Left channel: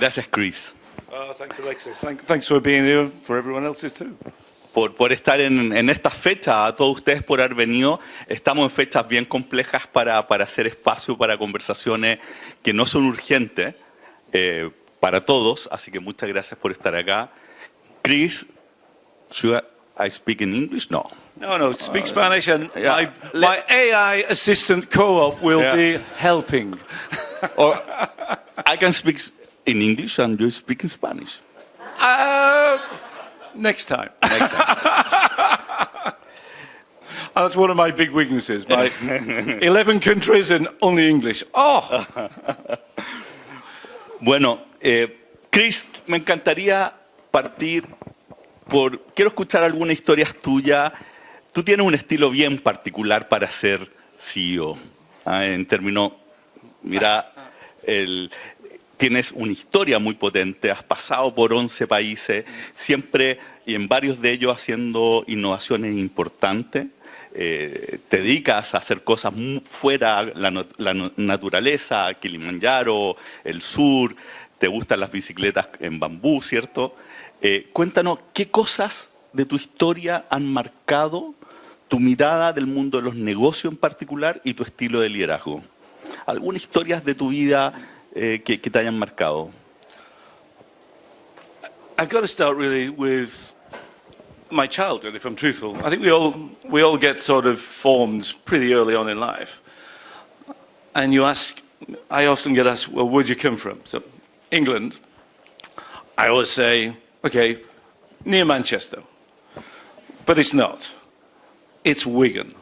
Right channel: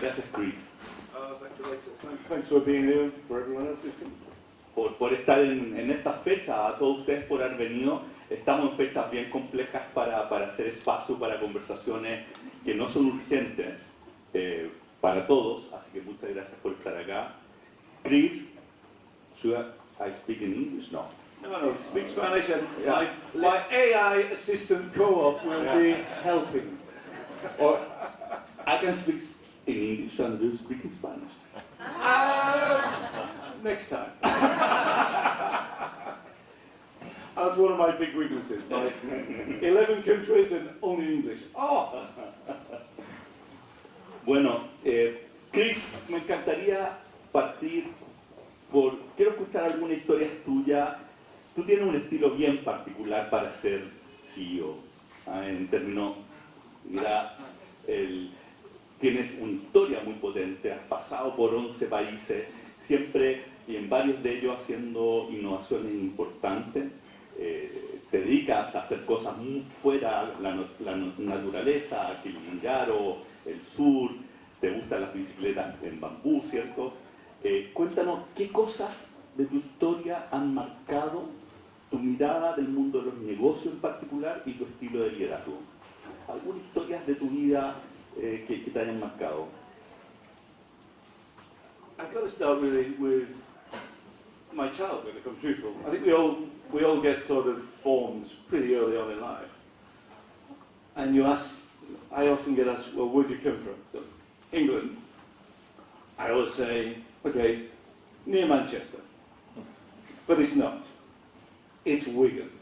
Gracias, Chris. Thanks, Alexis. Thanks for being here, for everyone else's too. Por estar en esta fecha, a todos ustedes por haber venido. Estamos en fechas bien complejas para hacer espacio para conversaciones que no son urgentes para todos, así que muchas gracias por estar acá. Chris, should I speak in English? No. No, speak Spanish, and yeah. my AI assistant co-op will be helping. Or I can speak in English and you speak in Spanish. Next time. That's one of my big weaknesses. My 11 countries and only English. Oh! Bueno, Chris, me encantaría partir quiero escuchar algunas historias tuyas. Tú tienes un estilo bien particular para ser CEO. En términos, mira, tienes una historia muy potente, has pasado por 11 países, siempre y en varios de ellos haciendo innovaciones importantes. Te dedicas a hacer cosas fuera la naturaleza, Kilimanjaro, el sur, te gustan las bicicletas en bambú, ¿cierto? Cuéntanos, ¿qué cosas de tu historia han marcado tu mirada del mundo de los negocios en particular y tu estilo de liderazgo? ¿Algunas historias de tu vida que te hayan marcado? I've got to start really with my childhood, if I'm truthful. I think we all get sort of formed pretty early on in life. And I often get asked, well, where'd you come from? So, England. I always say, okay, near Manchester. But it's not. It's Wigan.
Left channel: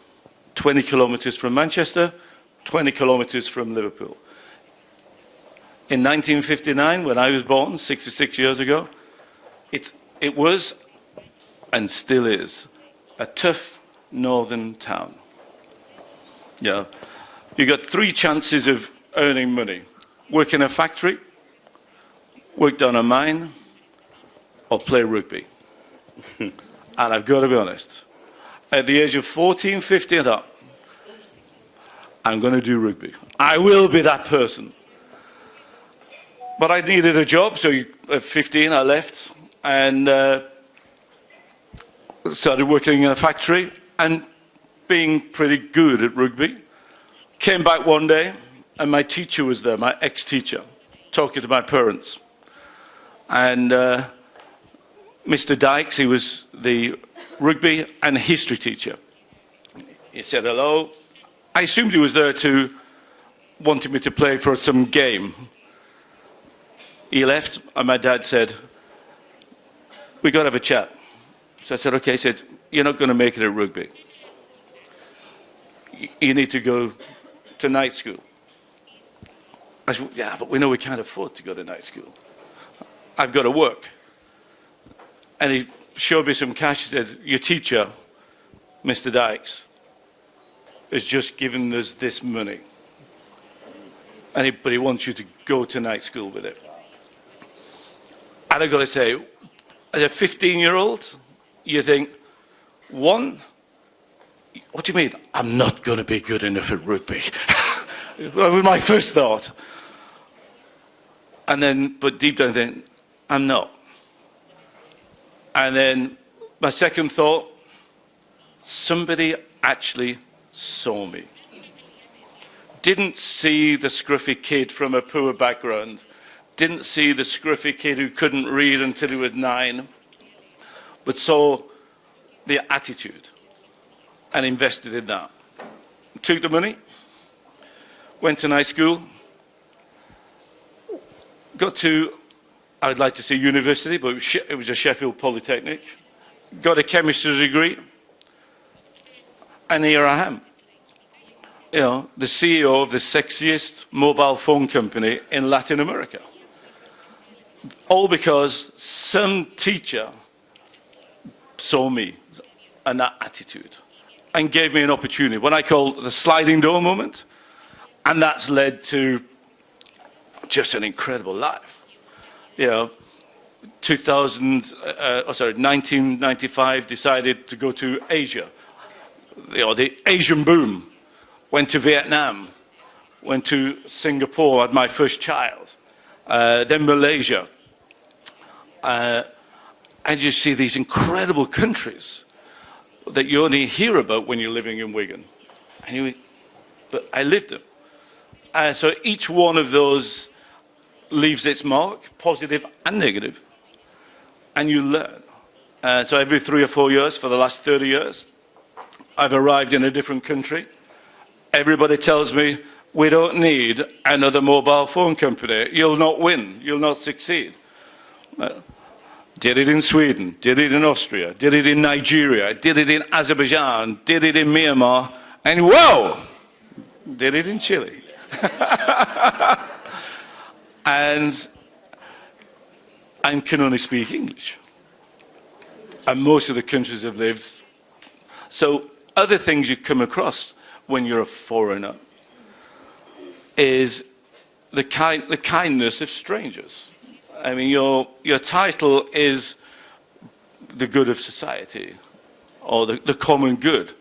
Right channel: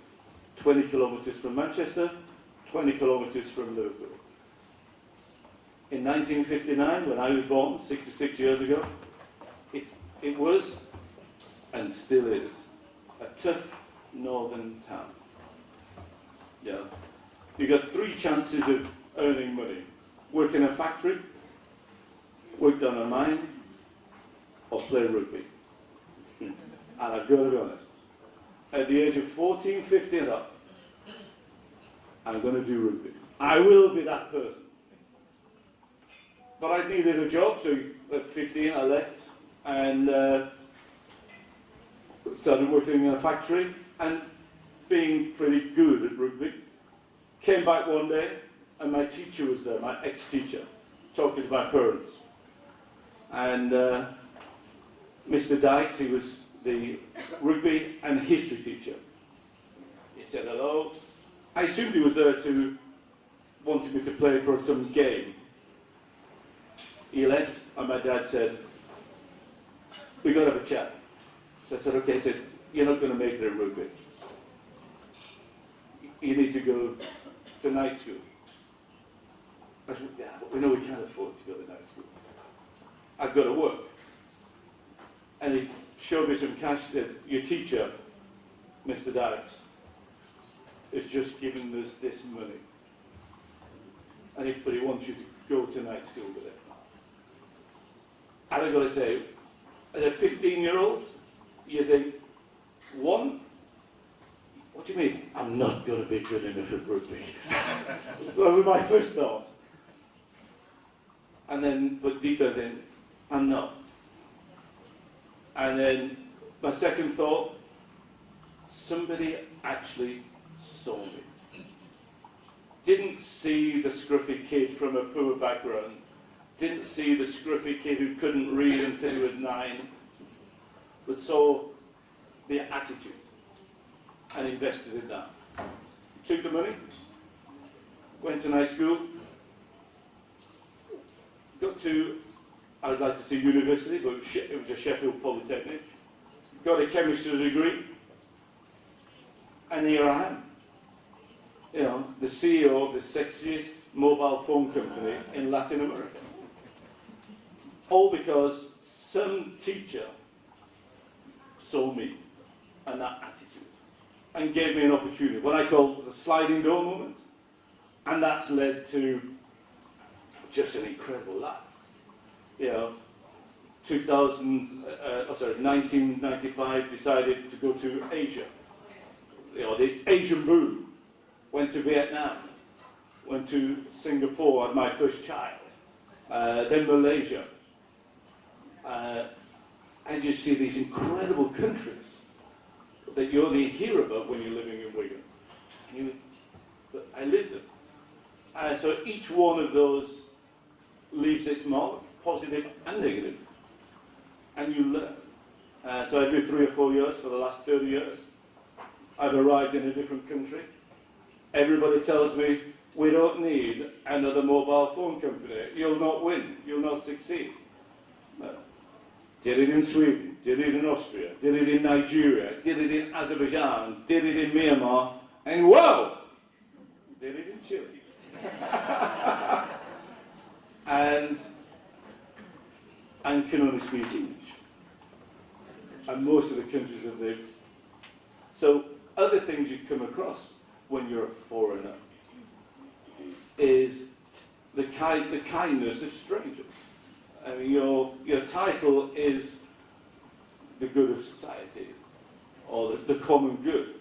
20 kilometres from Manchester, 20 kilometres from Liverpool. In 1959, when I was born, 66 years ago, it was, and still is, a tough northern town. Yeah. You got 3 chances of earning money. Work in a factory, work down a mine, or play rugby. And I've got to be honest, at the age of 14, 15, I thought, I'm going to do rugby. I will be that person. But I needed a job, so at 15 I left and started working in a factory and being pretty good at rugby. Came back one day and my teacher was there, my ex-teacher, talking to my parents. And Mr. Dykes, he was the rugby and history teacher. He said hello. I assumed he was there to wanted me to play for some game. He left, and my dad said, we got to have a chat. So I said, okay. He said, you're not going to make it at rugby. You need to go to night school. I said, yeah, but we know we can't afford to go to night school. I've got to work. And he showed me some cash. He said, your teacher, Mr. Dykes, has just given us this money. But he wants you to go to night school with it. And I've got to say, as a 15-year-old, you think, one, what do you mean? I'm not going to be good enough at rugby. That was my first thought. And then, but deep down, I think, I'm not. And then my second thought, somebody actually saw me. Didn't see the scruffy kid from a poor background. Didn't see the scruffy kid who couldn't read until he was 9, but saw the attitude and invested in that. Took the money, went to night school, got to, I would like to say university, but it was a Sheffield Polytechnic, got a chemistry degree, and here I am. You know, the CEO of the sexiest mobile phone company in Latin America. All because some teacher saw me and that attitude and gave me an opportunity, what I call the sliding door moment. And that's led to just an incredible life. You know, 1995, decided to go to Asia. You know, the Asian boom. Went to Vietnam, went to Singapore, had my first child. then Malaysia. And you see these incredible countries that you only hear about when you're living in Wigan. And but I lived them. So each one of those leaves its mark, positive and negative, and you learn. So every 3 or 4 years for the last 30 years, I've arrived in a different country. Everybody tells me, we don't need another mobile phone company. You'll not win. You'll not succeed. Did it in Sweden, did it in Austria, did it in Nigeria, did it in Azerbaijan, did it in Myanmar, and whoa, did it in Chile. And can only speak English. And most of the countries have lived. So other things you come across when you're a foreigner is the kindness of strangers. I mean, your title is the good of society, or the common good.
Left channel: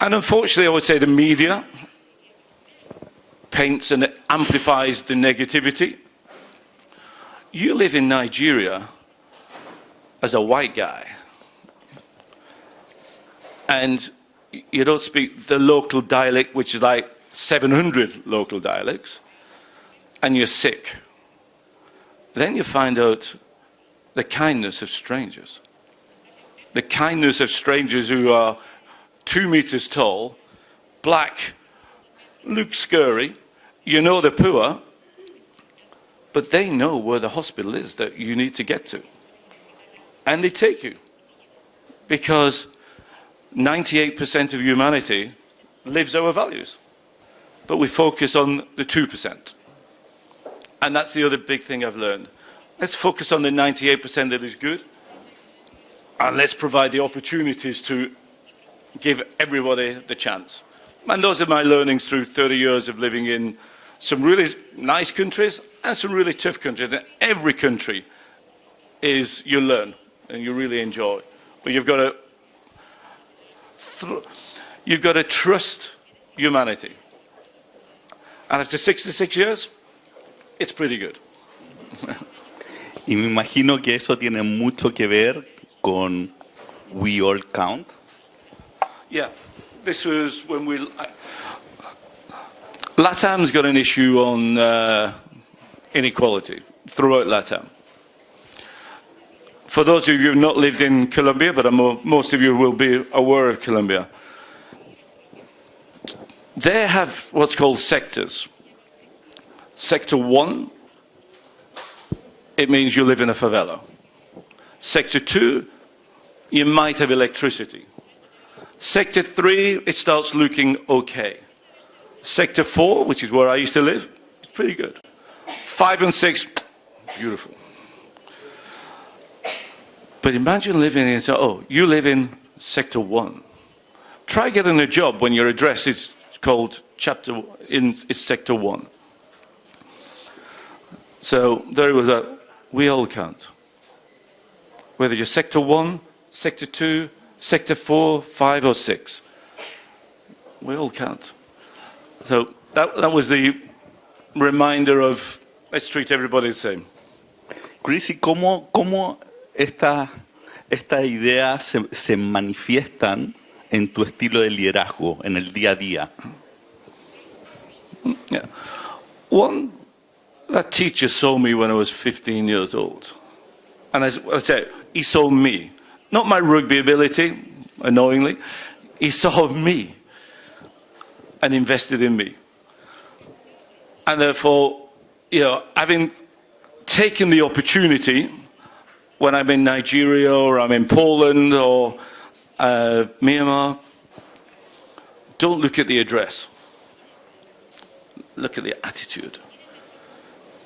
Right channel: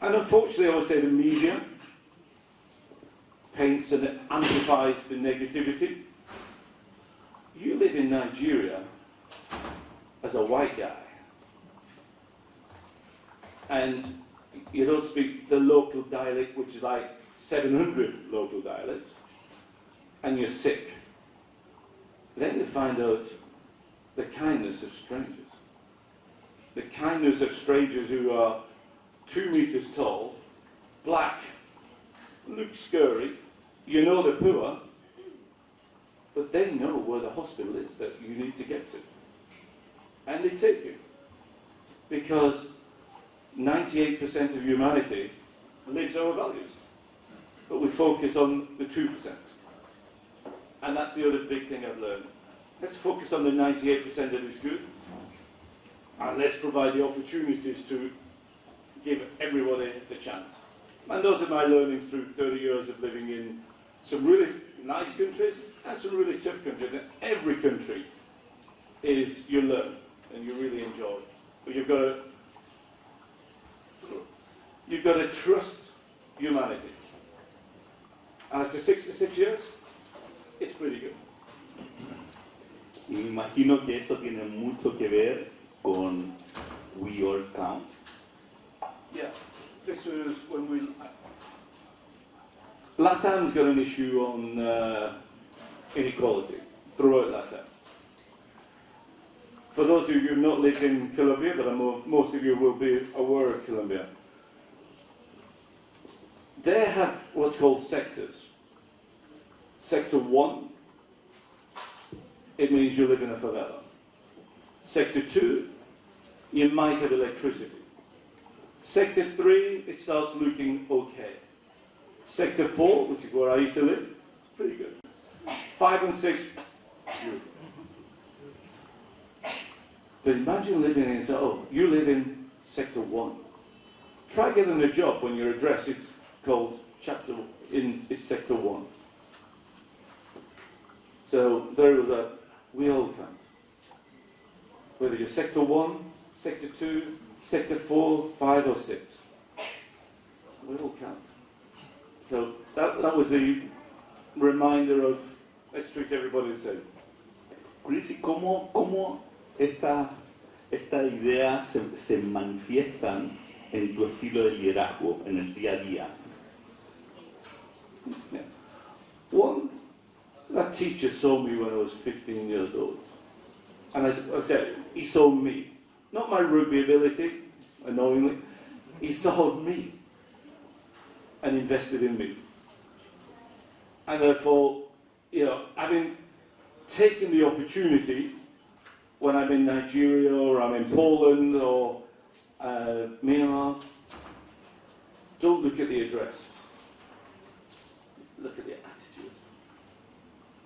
And unfortunately, I would say the media paints and amplifies the negativity. You live in Nigeria as a white guy, and you don't speak the local dialect, which is like 700 local dialects, and you're sick. Then you find out the kindness of strangers. The kindness of strangers who are 2 meters tall, black, look scary, you know they're poor, but they know where the hospital is that you need to get to. And they take you. Because 98% of humanity lives our values. But we focus on the 2%. And that's the other big thing I've learned. Let's focus on the 98% that is good, and let's provide the opportunities to give everybody the chance. And those are my learnings through 30 years of living in some really nice countries and some really tough countries. And every country is, you learn and you really enjoy. But you've got to trust humanity. And after 66 years, it's pretty good. Y me imagino que eso tiene mucho que ver con We All Count. Yeah, this was when LATAM's got an issue on inequality throughout LATAM. For those of you who have not lived in Colombia, but most of you will be aware of Colombia, they have what's called sectors. Sector 1, it means you live in a favela. Sector 2, you might have electricity. Sector 3, it starts looking okay. Sector 4, which is where I used to live, it's pretty good. 5 and 6, beautiful. But imagine living in, you live in Sector 1. Try getting a job when your address is called is Sector 1. So there was we all count. Whether you're Sector 1, Sector 2, Sector 4, 5 or 6. We all count. So that was the reminder of let's treat everybody the same. Chris, ¿y cómo estas ideas se manifiestan en tu estilo de liderazgo, en el día a día? Yeah. One, that teacher saw me when I was 15 years old. And as I said, he saw me. Not my rugby ability, annoyingly. He saw me and invested in me. And therefore, having taken the opportunity when I'm in Nigeria or I'm in Poland or Myanmar, don't look at the address. Look at the attitude.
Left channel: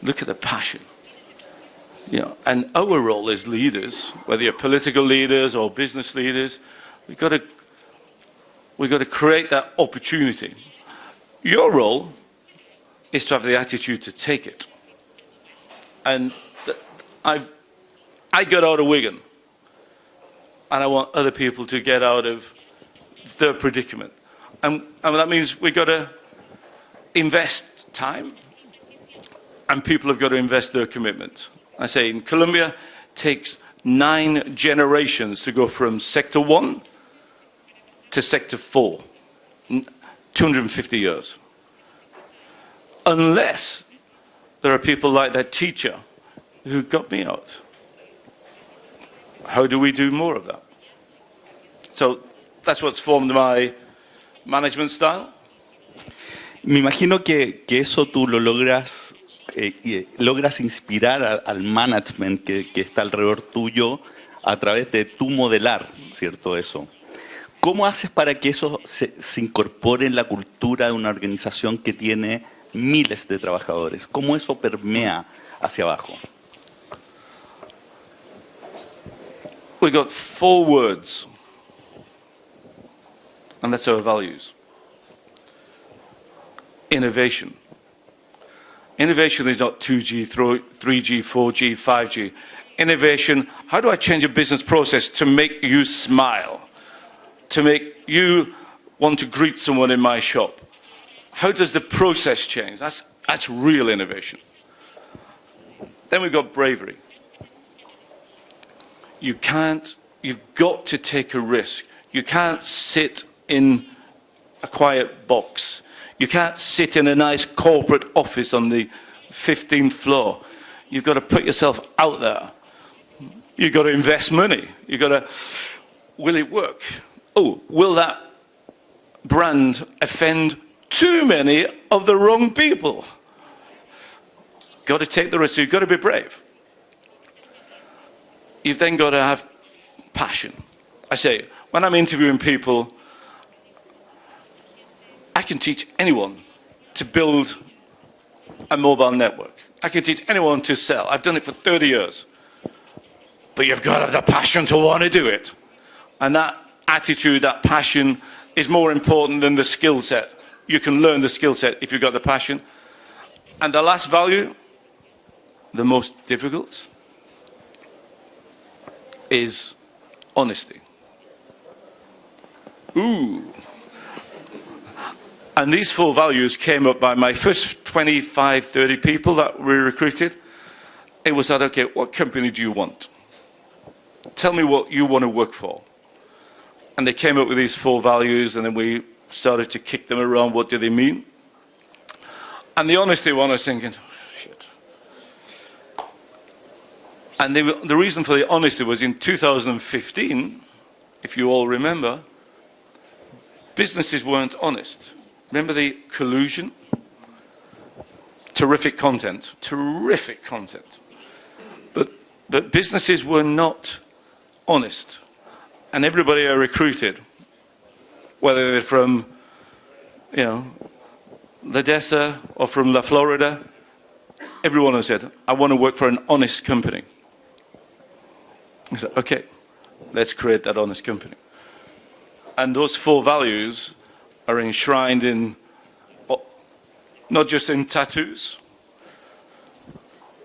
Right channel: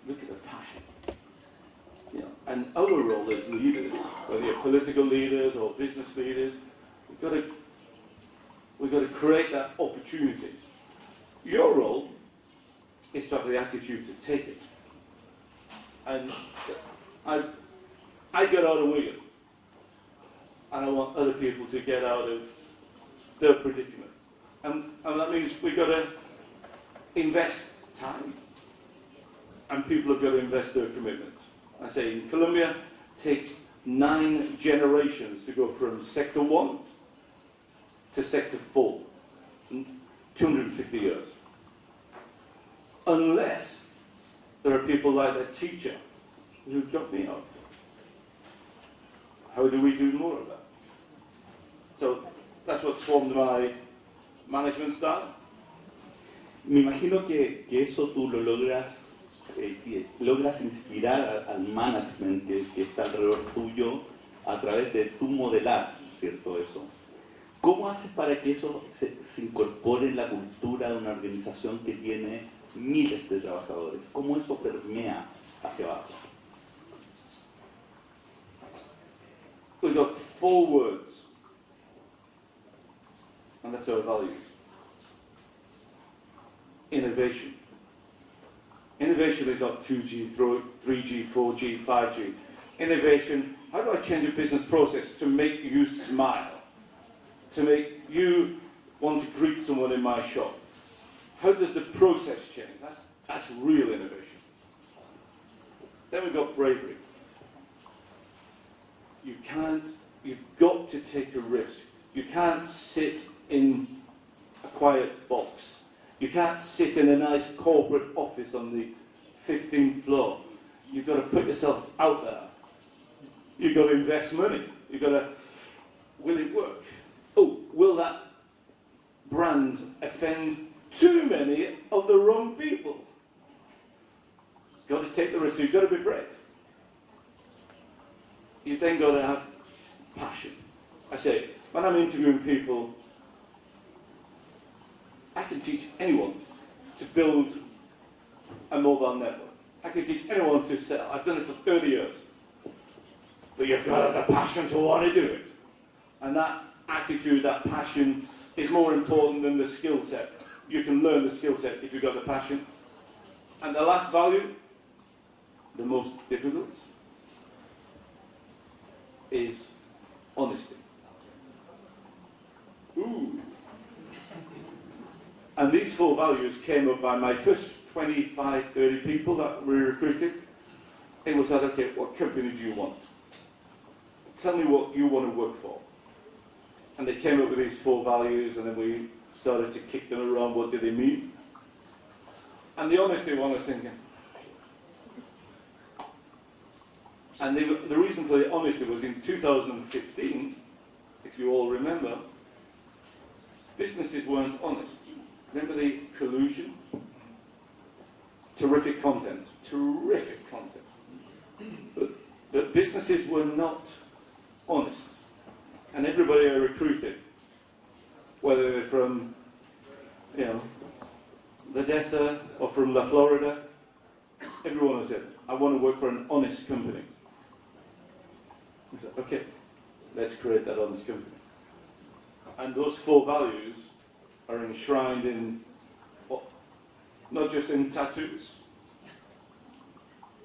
Look at the passion. And our role as leaders, whether you're political leaders or business leaders, we've got to create that opportunity. Your role is to have the attitude to take it. And I got out of Wigan, and I want other people to get out of their predicament. And that means we've got to invest time and people have got to invest their commitment. I say in Colombia, it takes 9 generations to go from sector 1 to sector 4, 250 years. Unless there are people like that teacher who got me out. How do we do more of that? So that's what's formed my management style. Me imagino que eso tú lo logras, logras inspirar al management que está alrededor tuyo a través de tu modelar, ¿cierto? Eso. ¿Cómo haces para que eso se incorpore en la cultura de una organización que tiene miles de trabajadores? ¿Cómo eso permea hacia abajo? We got 4 words, and that's our values. Innovation. Innovation is not 2G, 3G, 4G, 5G. Innovation, how do I change a business process to make you smile? To make you want to greet someone in my shop? How does the process change? That's real innovation. Then we've got bravery. You've got to take a risk. You can't sit in a quiet box. You can't sit in a nice corporate office on the 15th floor. You've got to put yourself out there. You've got to invest money. You've got to, will it work? Oh, will that brand offend too many of the wrong people? Got to take the risk. You've got to be brave. You've then got to have passion. I say, when I'm interviewing people, I can teach anyone to build a mobile network. I can teach anyone to sell. I've done it for 30 years. But you've got to have the passion to want to do it. And that attitude, that passion, is more important than the skill set. You can learn the skill set if you've got the passion. And the last value, the most difficult, is honesty. Ooh. And these 4 values came up by my first 25, 30 people that we recruited. It was that, okay, what company do you want? Tell me what you want to work for. And they came up with these 4 values, and then we started to kick them around. What do they mean? And the honesty one, I was thinking, oh, shit. And the reason for the honesty was in 2015, if you all remember, businesses weren't honest. Remember the collusion? Terrific content. But businesses were not honest. And everybody I recruited, whether they're from, Ledesa or from La Florida, everyone has said, I want to work for an honest company. I said, okay, let's create that honest company. And those 4 values are enshrined in, not just in tattoos,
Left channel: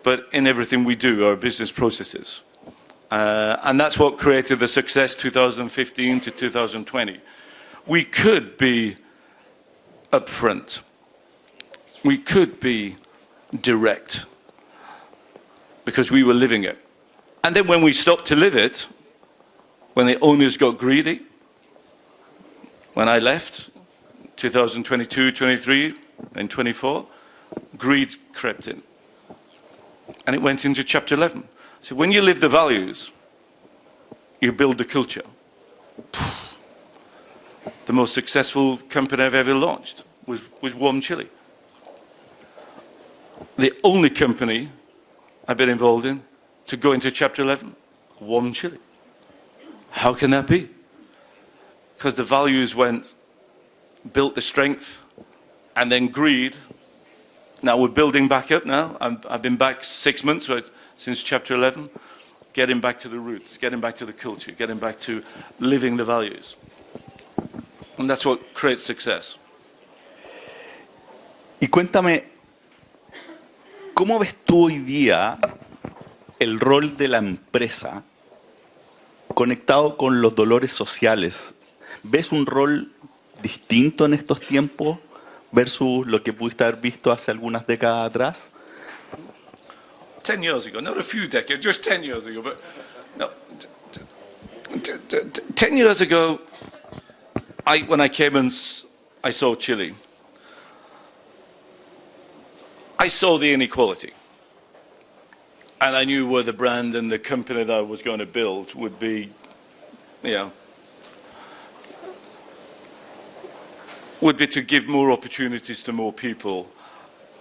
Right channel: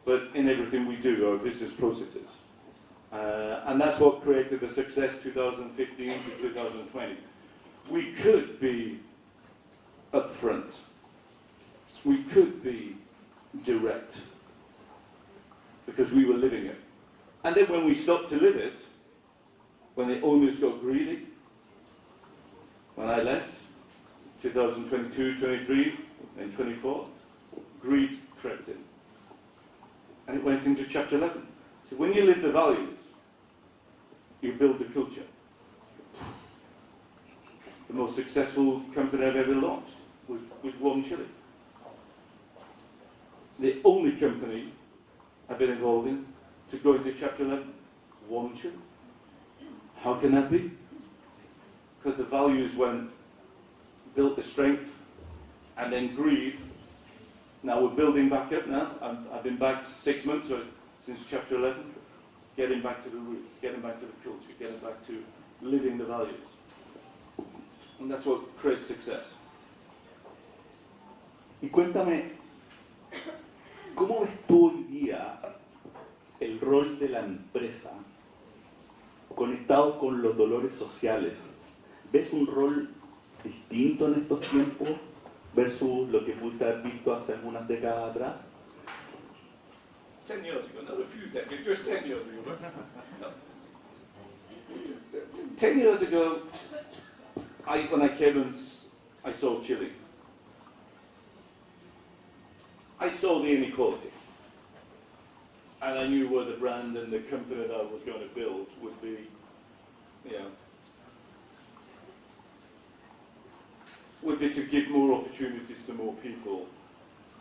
but in everything we do, our business processes. And that's what created the success 2015 to 2020. We could be upfront. We could be direct because we were living it. And then when we stopped to live it, when the owners got greedy, when I left, 2022, 23, and 24, greed crept in. And it went into chapter 11. So when you live the values, you build the culture. The most successful company I've ever launched was WOM Chile. The only company I've been involved in to go into chapter 11, WOM Chile. How can that be? Because the values built the strength, and then greed. Now we're building back up now. I've been back 6 months since chapter 11, getting back to the roots, getting back to the culture, getting back to living the values. And that's what creates success. Y cuéntame, ¿cómo ves tú hoy día el rol de la empresa conectado con los dolores sociales? ¿Ves un rol distinto en estos tiempos versus lo que pudiste haber visto hace algunas décadas atrás? 10 years ago, not a few decades, just 10 years ago. But no, 10 years ago, when I came and I saw Chile, I saw the inequality. And I knew where the brand and the company that I was going to build would be, would be to give more opportunities to more people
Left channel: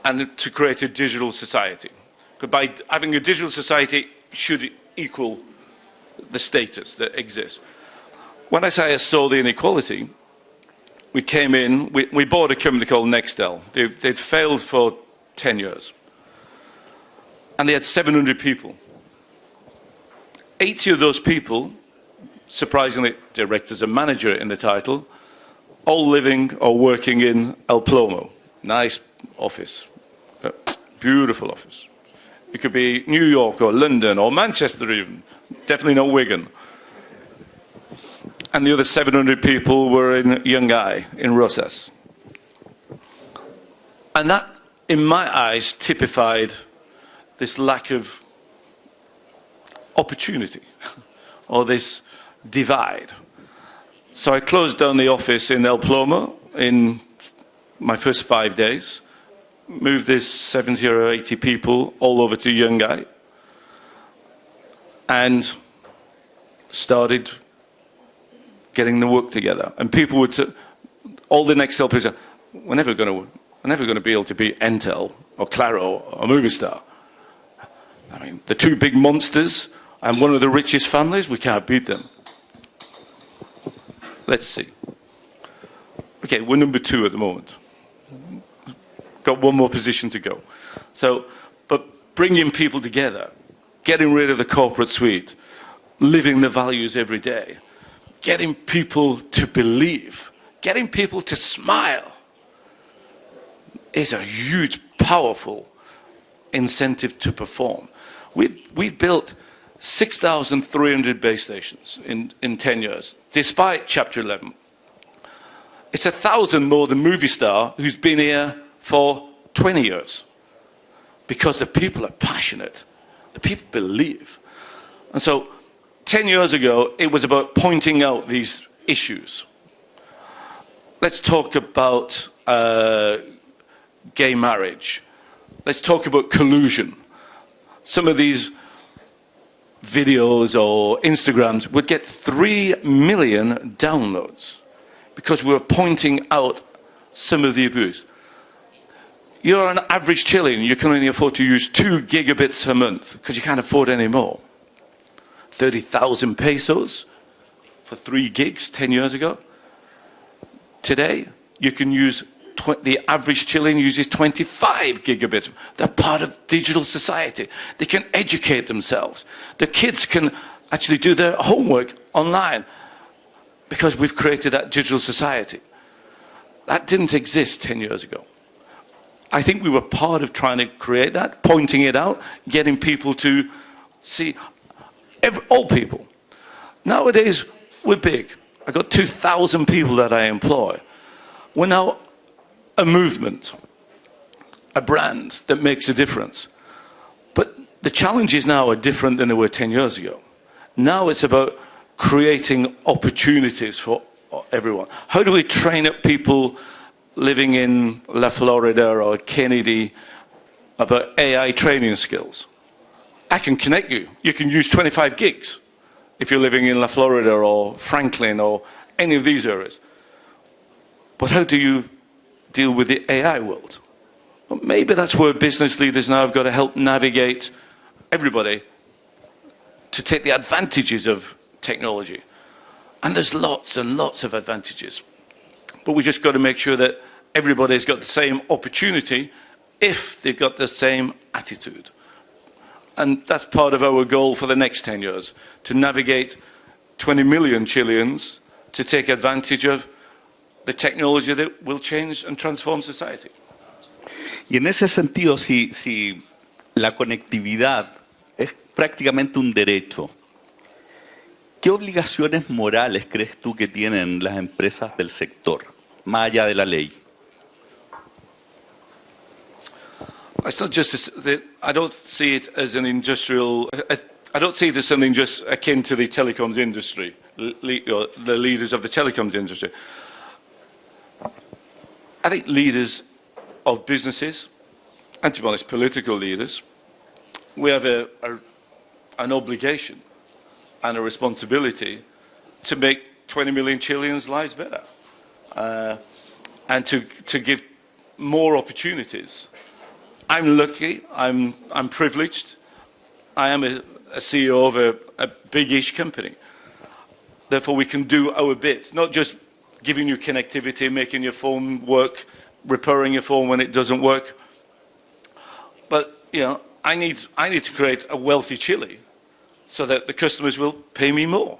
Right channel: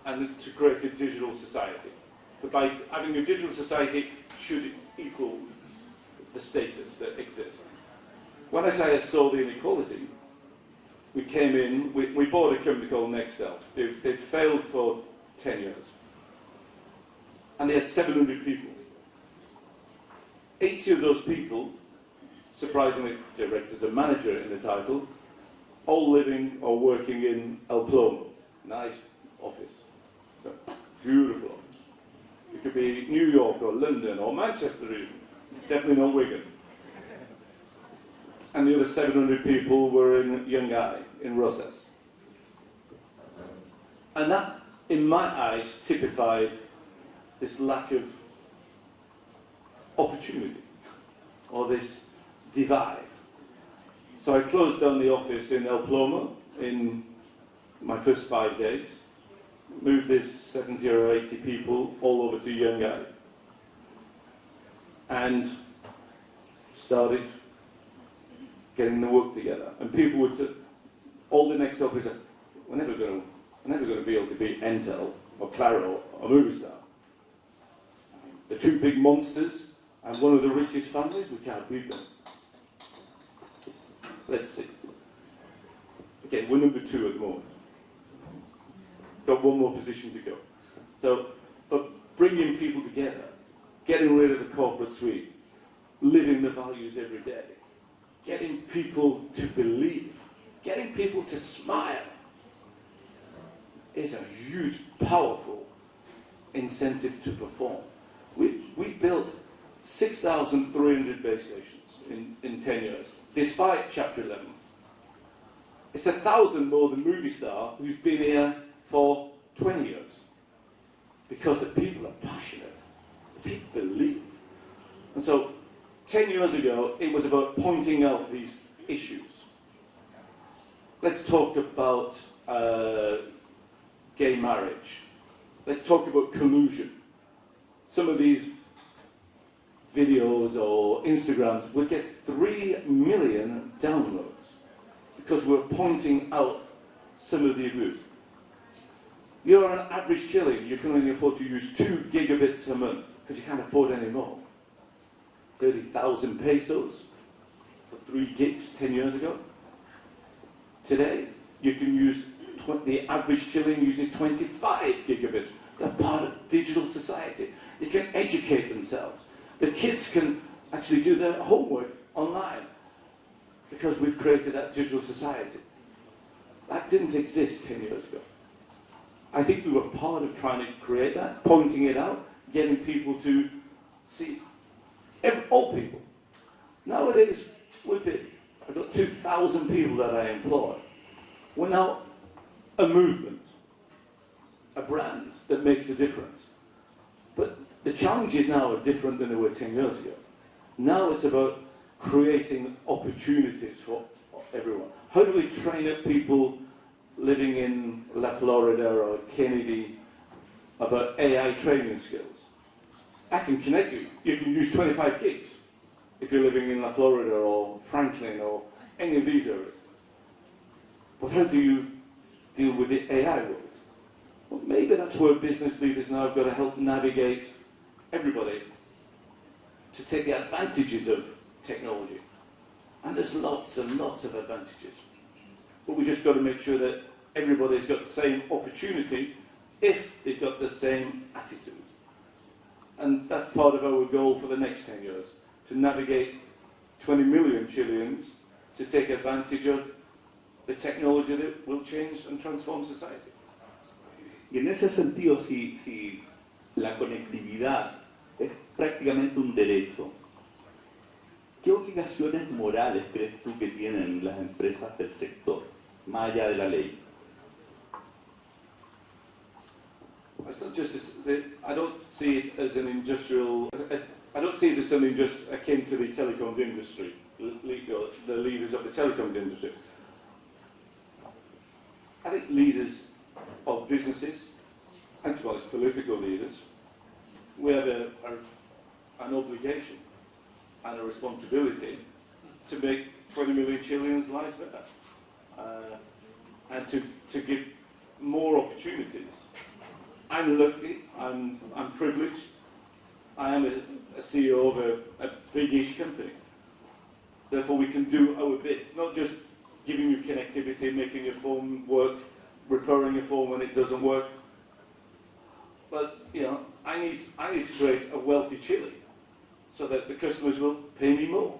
and to create a digital society. Because by having a digital society should equal the status that exists. When I say I saw the inequality, we came in, we bought a company called Nextel. They'd failed for 10 years. And they had 700 people. 80 of those people, surprisingly, directors and manager in the title, all living or working in El Plomo. Nice office, beautiful office. It could be New York or London or Manchester even, definitely not Wigan. And the other 700 people were in Yungay, in Rosas. And that, in my eyes, typified this lack of opportunity or this divide. So I closed down the office in El Plomo in my first 5 days, moved this 70 or 80 people all over to Yungay, and started getting the work together. And people would, all the Nextel people said, we're never going to be able to beat Intel or Claro or Movistar. I mean, the two big monsters and one of the richest families, we can't beat them. Let's see. Okay, we're number 2 at the moment. Got one more position to go. So, but bringing people together, getting rid of the corporate suite, living the values every day, getting people to believe, getting people to smile is a huge, powerful incentive to perform. We've built 6,300 base stations in 10 years, despite Chapter 11. It's 1,000 more than Movistar, who's been here for 20 years, because the people are passionate, the people believe. And so 10 years ago, it was about pointing out these issues. Let's talk about gay marriage. Let's talk about collusion. Some of these videos or Instagrams would get 3 million downloads because we were pointing out some of the abuse. You're an average Chilean, you can only afford to use 2 gigabits a month because you can't afford any more. 30,000 pesos for 3 gigs 10 years ago. Today, you can use, the average Chilean uses 25 gigabits. They're part of digital society. They can educate themselves. The kids can actually do their homework online because we've created that digital society. That didn't exist 10 years ago. I think we were part of trying to create that, pointing it out, getting people to see, all people. Nowadays, we're big. I've got 2,000 people that I employ. We're now a movement, a brand that makes a difference. But the challenges now are different than they were 10 years ago. Now it's about creating opportunities for everyone. How do we train up people living in La Florida or Kennedy about AI training skills? I can connect you. You can use 25 gigs if you're living in La Florida or Franklin or any of these areas. But how do you deal with the AI world? Well, maybe that's where business leaders now have got to help navigate everybody to take the advantages of technology. And there's lots and lots of advantages. But we just got to make sure that everybody's got the same opportunity if they've got the same attitude. And that's part of our goal for the next 10 years, to navigate 20 million Chileans to take advantage of the technology that will change and transform society. Y en ese sentido, si la conectividad es prácticamente un derecho, ¿qué obligaciones morales crees tú que tienen las empresas del sector, más allá de la ley? It's not just I don't see it as an industrial. I don't see it as something just akin to the telecoms industry, the leaders of the telecoms industry. I think leaders of businesses, and to be honest, political leaders, we have an obligation and a responsibility to make 20 million Chileans' lives better, and to give more opportunities. I'm lucky, I'm privileged. I am a CEO of a big-ish company. Therefore, we can do our bit, not just giving you connectivity, making your phone work, repairing your phone when it doesn't work. But, you know, I need to create a wealthy Chile so that the customers will pay me more.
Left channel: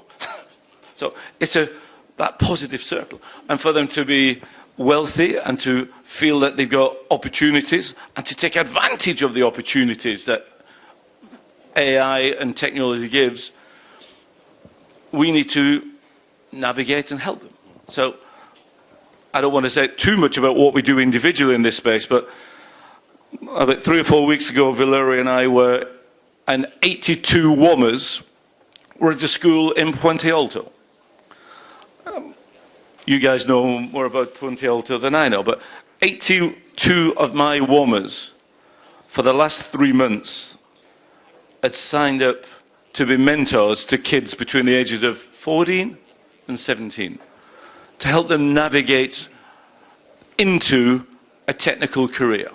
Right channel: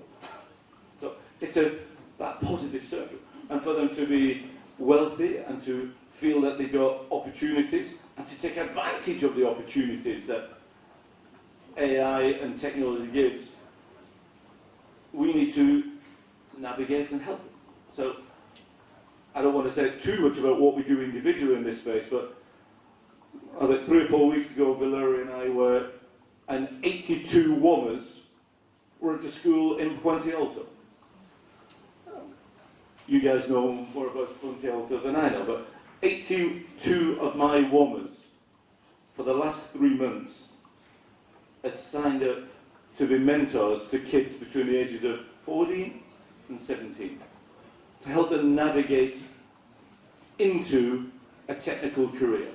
So it's that positive circle. And for them to be wealthy and to feel that they've got opportunities and to take advantage of the opportunities that AI and technology gives, we need to navigate and help them. So I don't want to say too much about what we do individually in this space, but about 3 or 4 weeks ago, Valeria and I were, and 82 WOMers were at the school in Puente Alto. You guys know more about Puente Alto than I know, but 82 of my WOMers for the last 3 months had signed up to be mentors to kids between the ages of 14 and 17 to help them navigate into a technical career.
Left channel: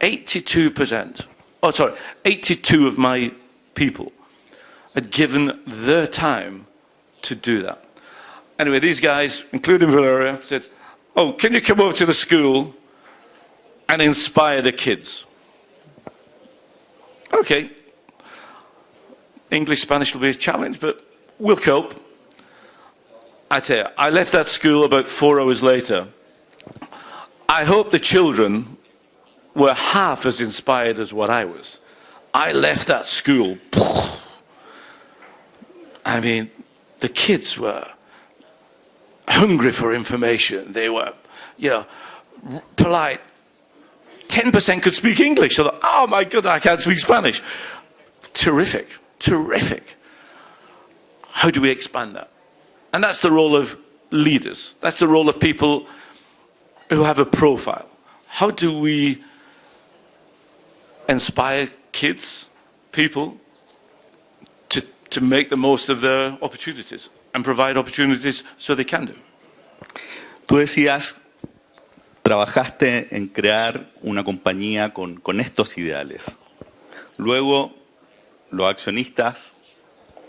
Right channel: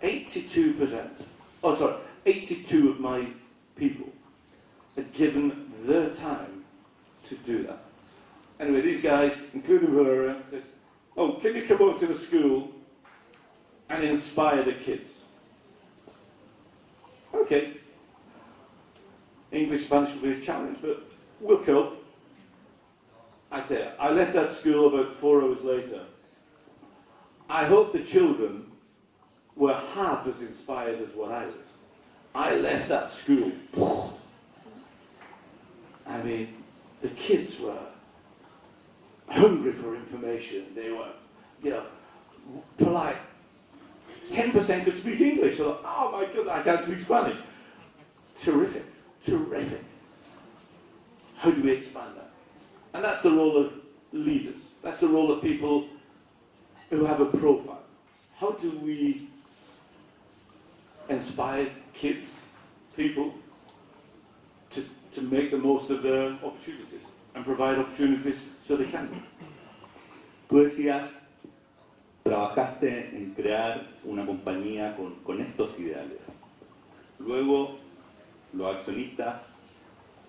82 of my people had given their time to do that. Anyway, these guys, including Valeria, said, "Oh, can you come over to the school and inspire the kids?" Okay. English, Spanish will be a challenge, but we'll cope. I tell you, I left that school about 4 hours later. I hope the children were half as inspired as what I was. I left that school. I mean, the kids were hungry for information. They were, you know, polite. 10% could speak English. So, oh my God, I can't speak Spanish. Terrific, terrific. How do we expand that? And that's the role of leaders. That's the role of people who have a profile. How do we inspire kids, people, to make the most of their opportunities and provide opportunities so they can do? Tú decías, trabajaste en crear una compañía con estos ideales. Luego, los accionistas,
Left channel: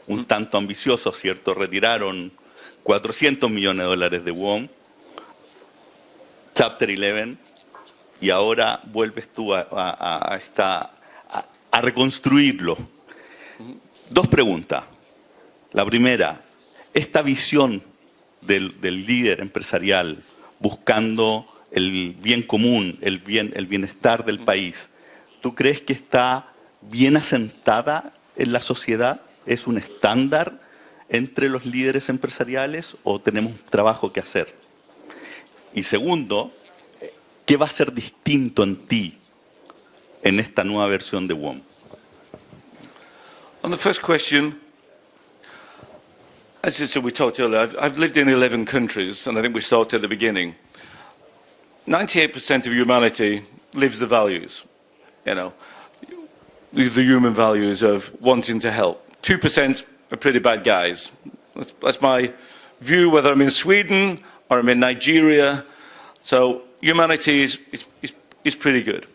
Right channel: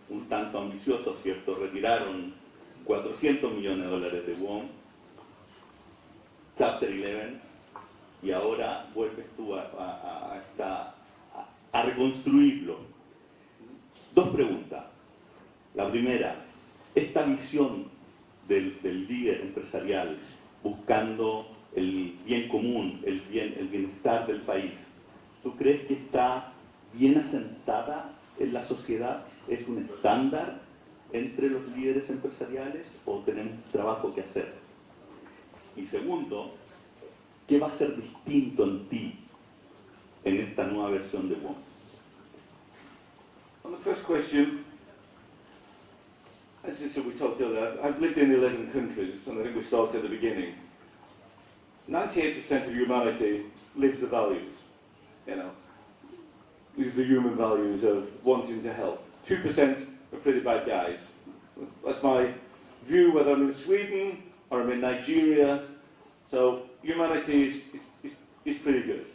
un tanto ambiciosos, ¿cierto?, retiraron $400 millones de WOM, Chapter 11, y ahora vuelves tú a reconstruirlo. Dos preguntas. La primera, esta visión del líder empresarial buscando el bien común, el bienestar del país, ¿tú crees que está bien asentada en la sociedad? ¿Es un estándar entre los líderes empresariales o tenemos un trabajo que hacer? Y segundo, ¿qué va a ser distinto en ti en esta nueva versión de WOM? On the first question, as I said, we talked earlier, I've lived in 11 countries, and I think we started at the beginning. 98% of humanity lives the values, you know, the human values of wanting to help. 2% are pretty bad guys. That's my view, whether I'm in Sweden or I'm in Nigeria. So humanity is pretty good.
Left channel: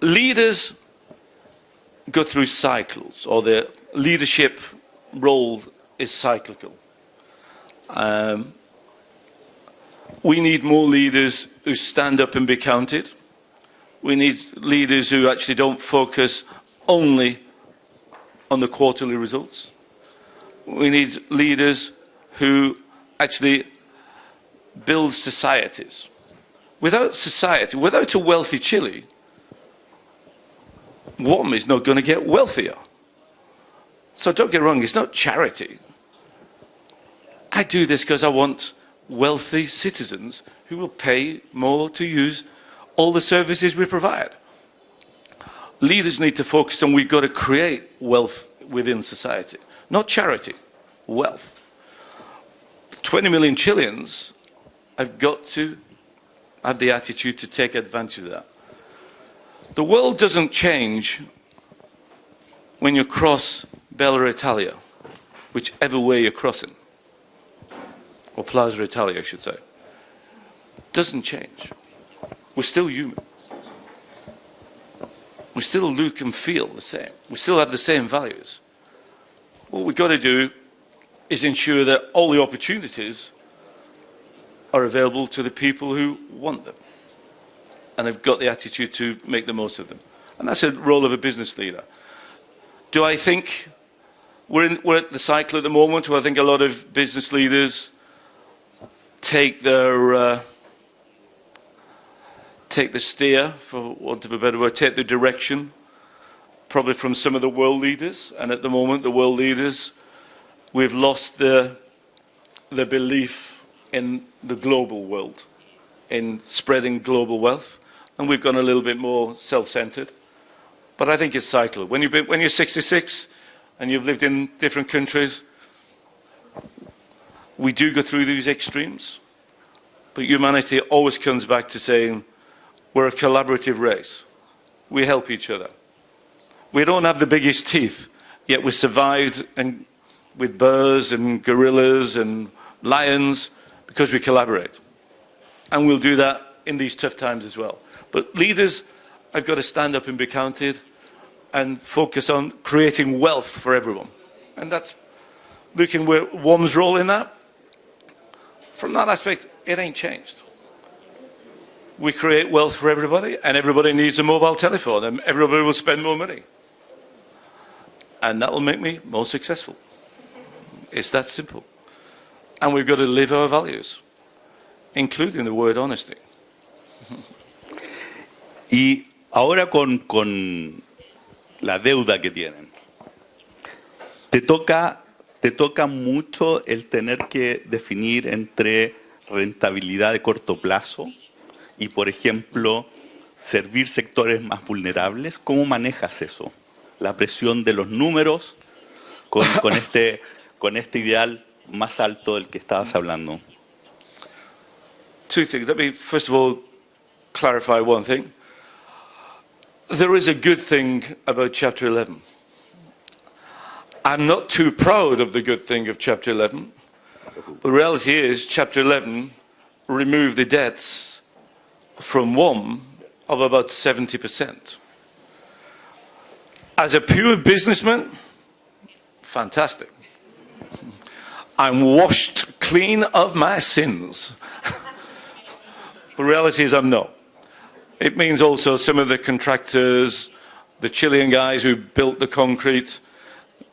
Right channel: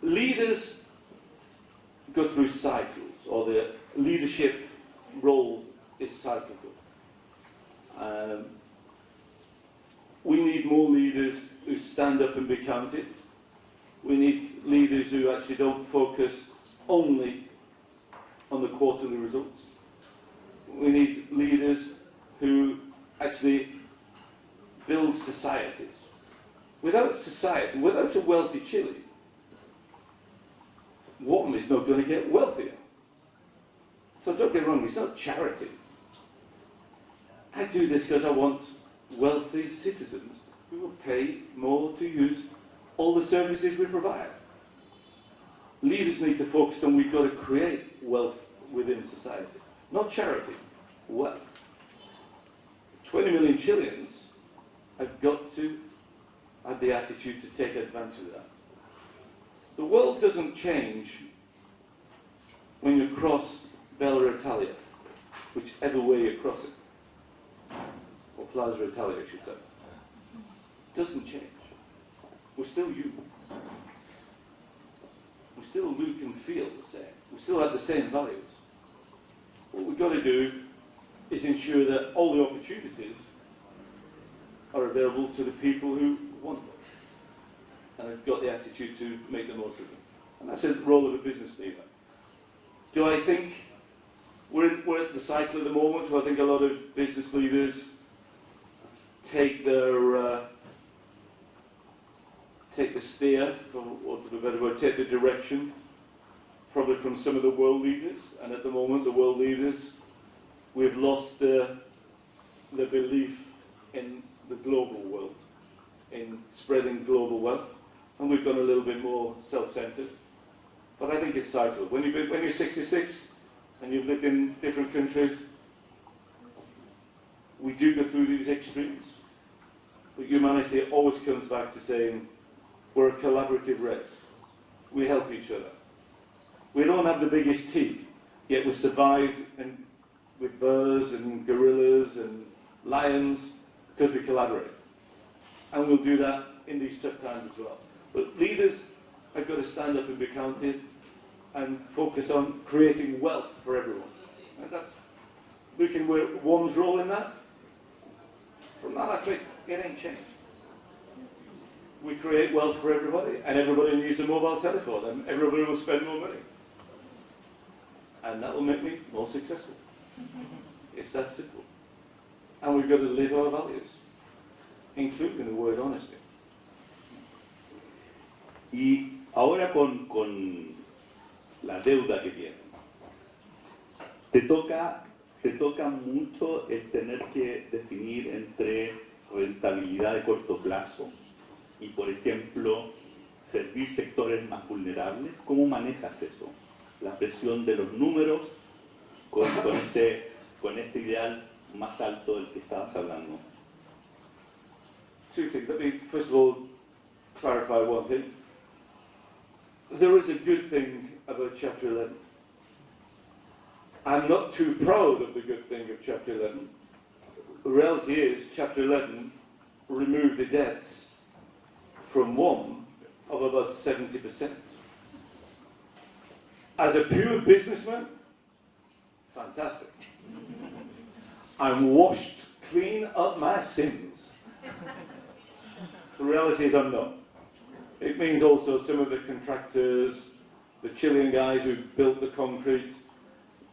Leaders go through cycles, or the leadership role is cyclical. We need more leaders who stand up and be counted. We need leaders who actually don't focus only on the quarterly results. We need leaders who actually build societies. Without society, without a wealthy Chile, WOM is not going to get wealthier. So don't get wrong, it's not charity. I do this because I want wealthy citizens who will pay more to use all the services we provide. leaders need to focus on we've got to create wealth within society, not charity, wealth. 20 million Chileans have got to have the attitude to take advantage of that. The world doesn't change when you cross Bella Italia, whichever way you're crossing, or Plaza Italia, I should say. Doesn't change. We're still human. We still look and feel the same. We still have the same values. What we've got to do is ensure that all the opportunities are available to the people who want them and have got the attitude to make the most of them. And that's the role of a business leader. Do I think we're at the cycle at the moment where I think a lot of business leaders take the steer, for want of a better word, take the direction, probably from some of the world leaders. And at the moment, the world leaders, we've lost the belief in the global world, in spreading global wealth, and we've gone a little bit more self-centered. But I think it's cyclical. When you're 66 and you've lived in different countries, we do go through these extremes, but humanity always comes back to saying we're a collaborative race. We help each other. We don't have the biggest teeth, yet we survived and with bears and gorillas and lions because we collaborate. And we'll do that in these tough times as well. But leaders have got to stand up and be counted and focus on creating wealth for everyone. And that's looking where WOM's role in that. From that aspect, it ain't changed. We create wealth for everybody, and everybody needs a mobile telephone, and everybody will spend more money. And that will make me more successful. It's that simple. And we've got to live our values, including the word honesty. Y ahora con la deuda que tienen, te toca mucho el tener que definir entre rentabilidad de corto plazo y, por ejemplo, servir sectores más vulnerables. ¿Cómo manejas eso? La presión de los números con este ideal más alto del que estabas hablando. Two things. Let me, first of all, clarify one thing. There is a good thing about Chapter 11. I'm not too proud of the good thing of Chapter 11. The reality is, Chapter 11 removed the debts from WOM of about 70%. As a pure businessman, fantastic. I'm washed clean of my sins. The reality is I'm not. It means also some of the contractors, the Chilean guys who built the concrete,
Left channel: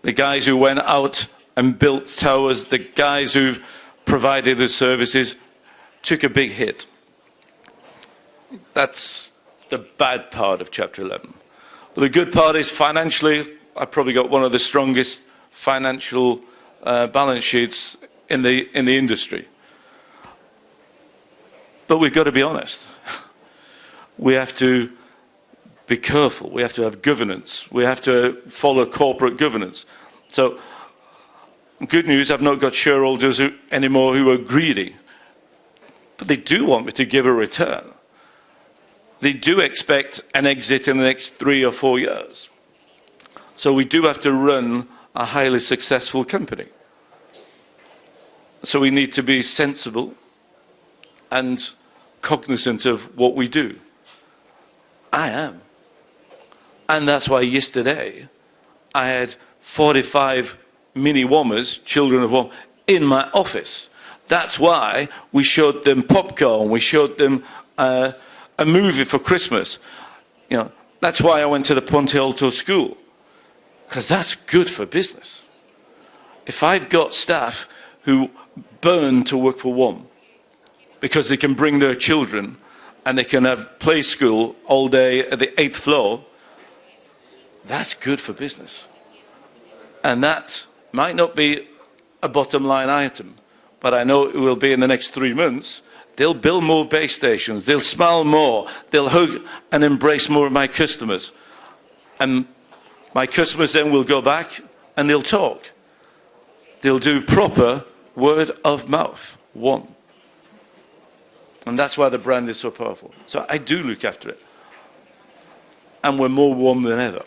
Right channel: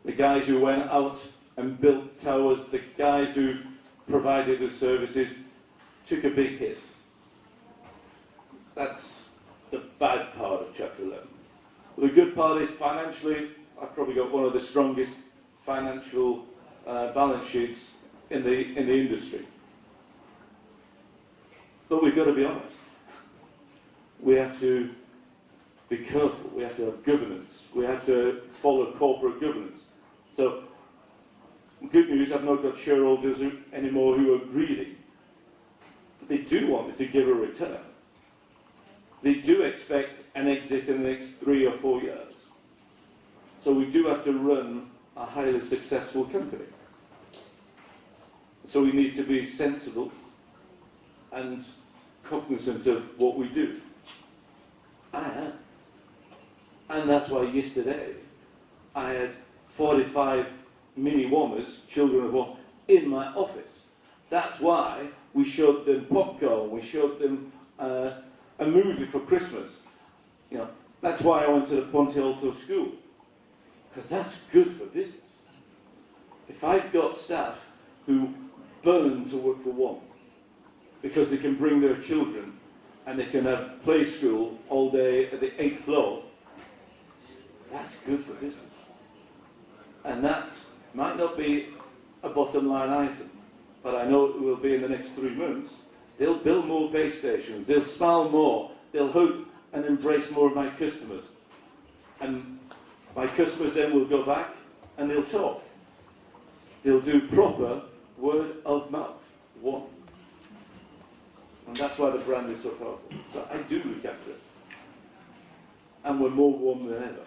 the guys who went out and built towers, the guys who provided the services, took a big hit. That's the bad part of Chapter 11. But the good part is financially, I've probably got one of the strongest financial balance sheets in the industry. But we've got to be honest. We have to be careful. We have to have governance. We have to follow corporate governance. So, good news, I've not got shareholders anymore who are greedy. But they do want me to give a return. They do expect an exit in the next 3 or 4 years. So we do have to run a highly successful company. So we need to be sensible and cognizant of what we do. I am. And that's why yesterday I had 45 mini WOMers, children of WOM, in my office. That's why we showed them popcorn, we showed them a movie for Christmas. You know, that's why I went to the Ponte Alto school, because that's good for business. If I've got staff who burn to work for WOM because they can bring their children and they can have play school all day at the 8th floor, that's good for business. And that might not be a bottom line item, but I know it will be in the next 3 months. They'll build more base stations, they'll smile more, they'll hug and embrace more of my customers. And my customers then will go back and they'll talk. They'll do proper word of mouth, WOM. And that's why the brand is so powerful. So I do look after it. And we're more WOM than ever.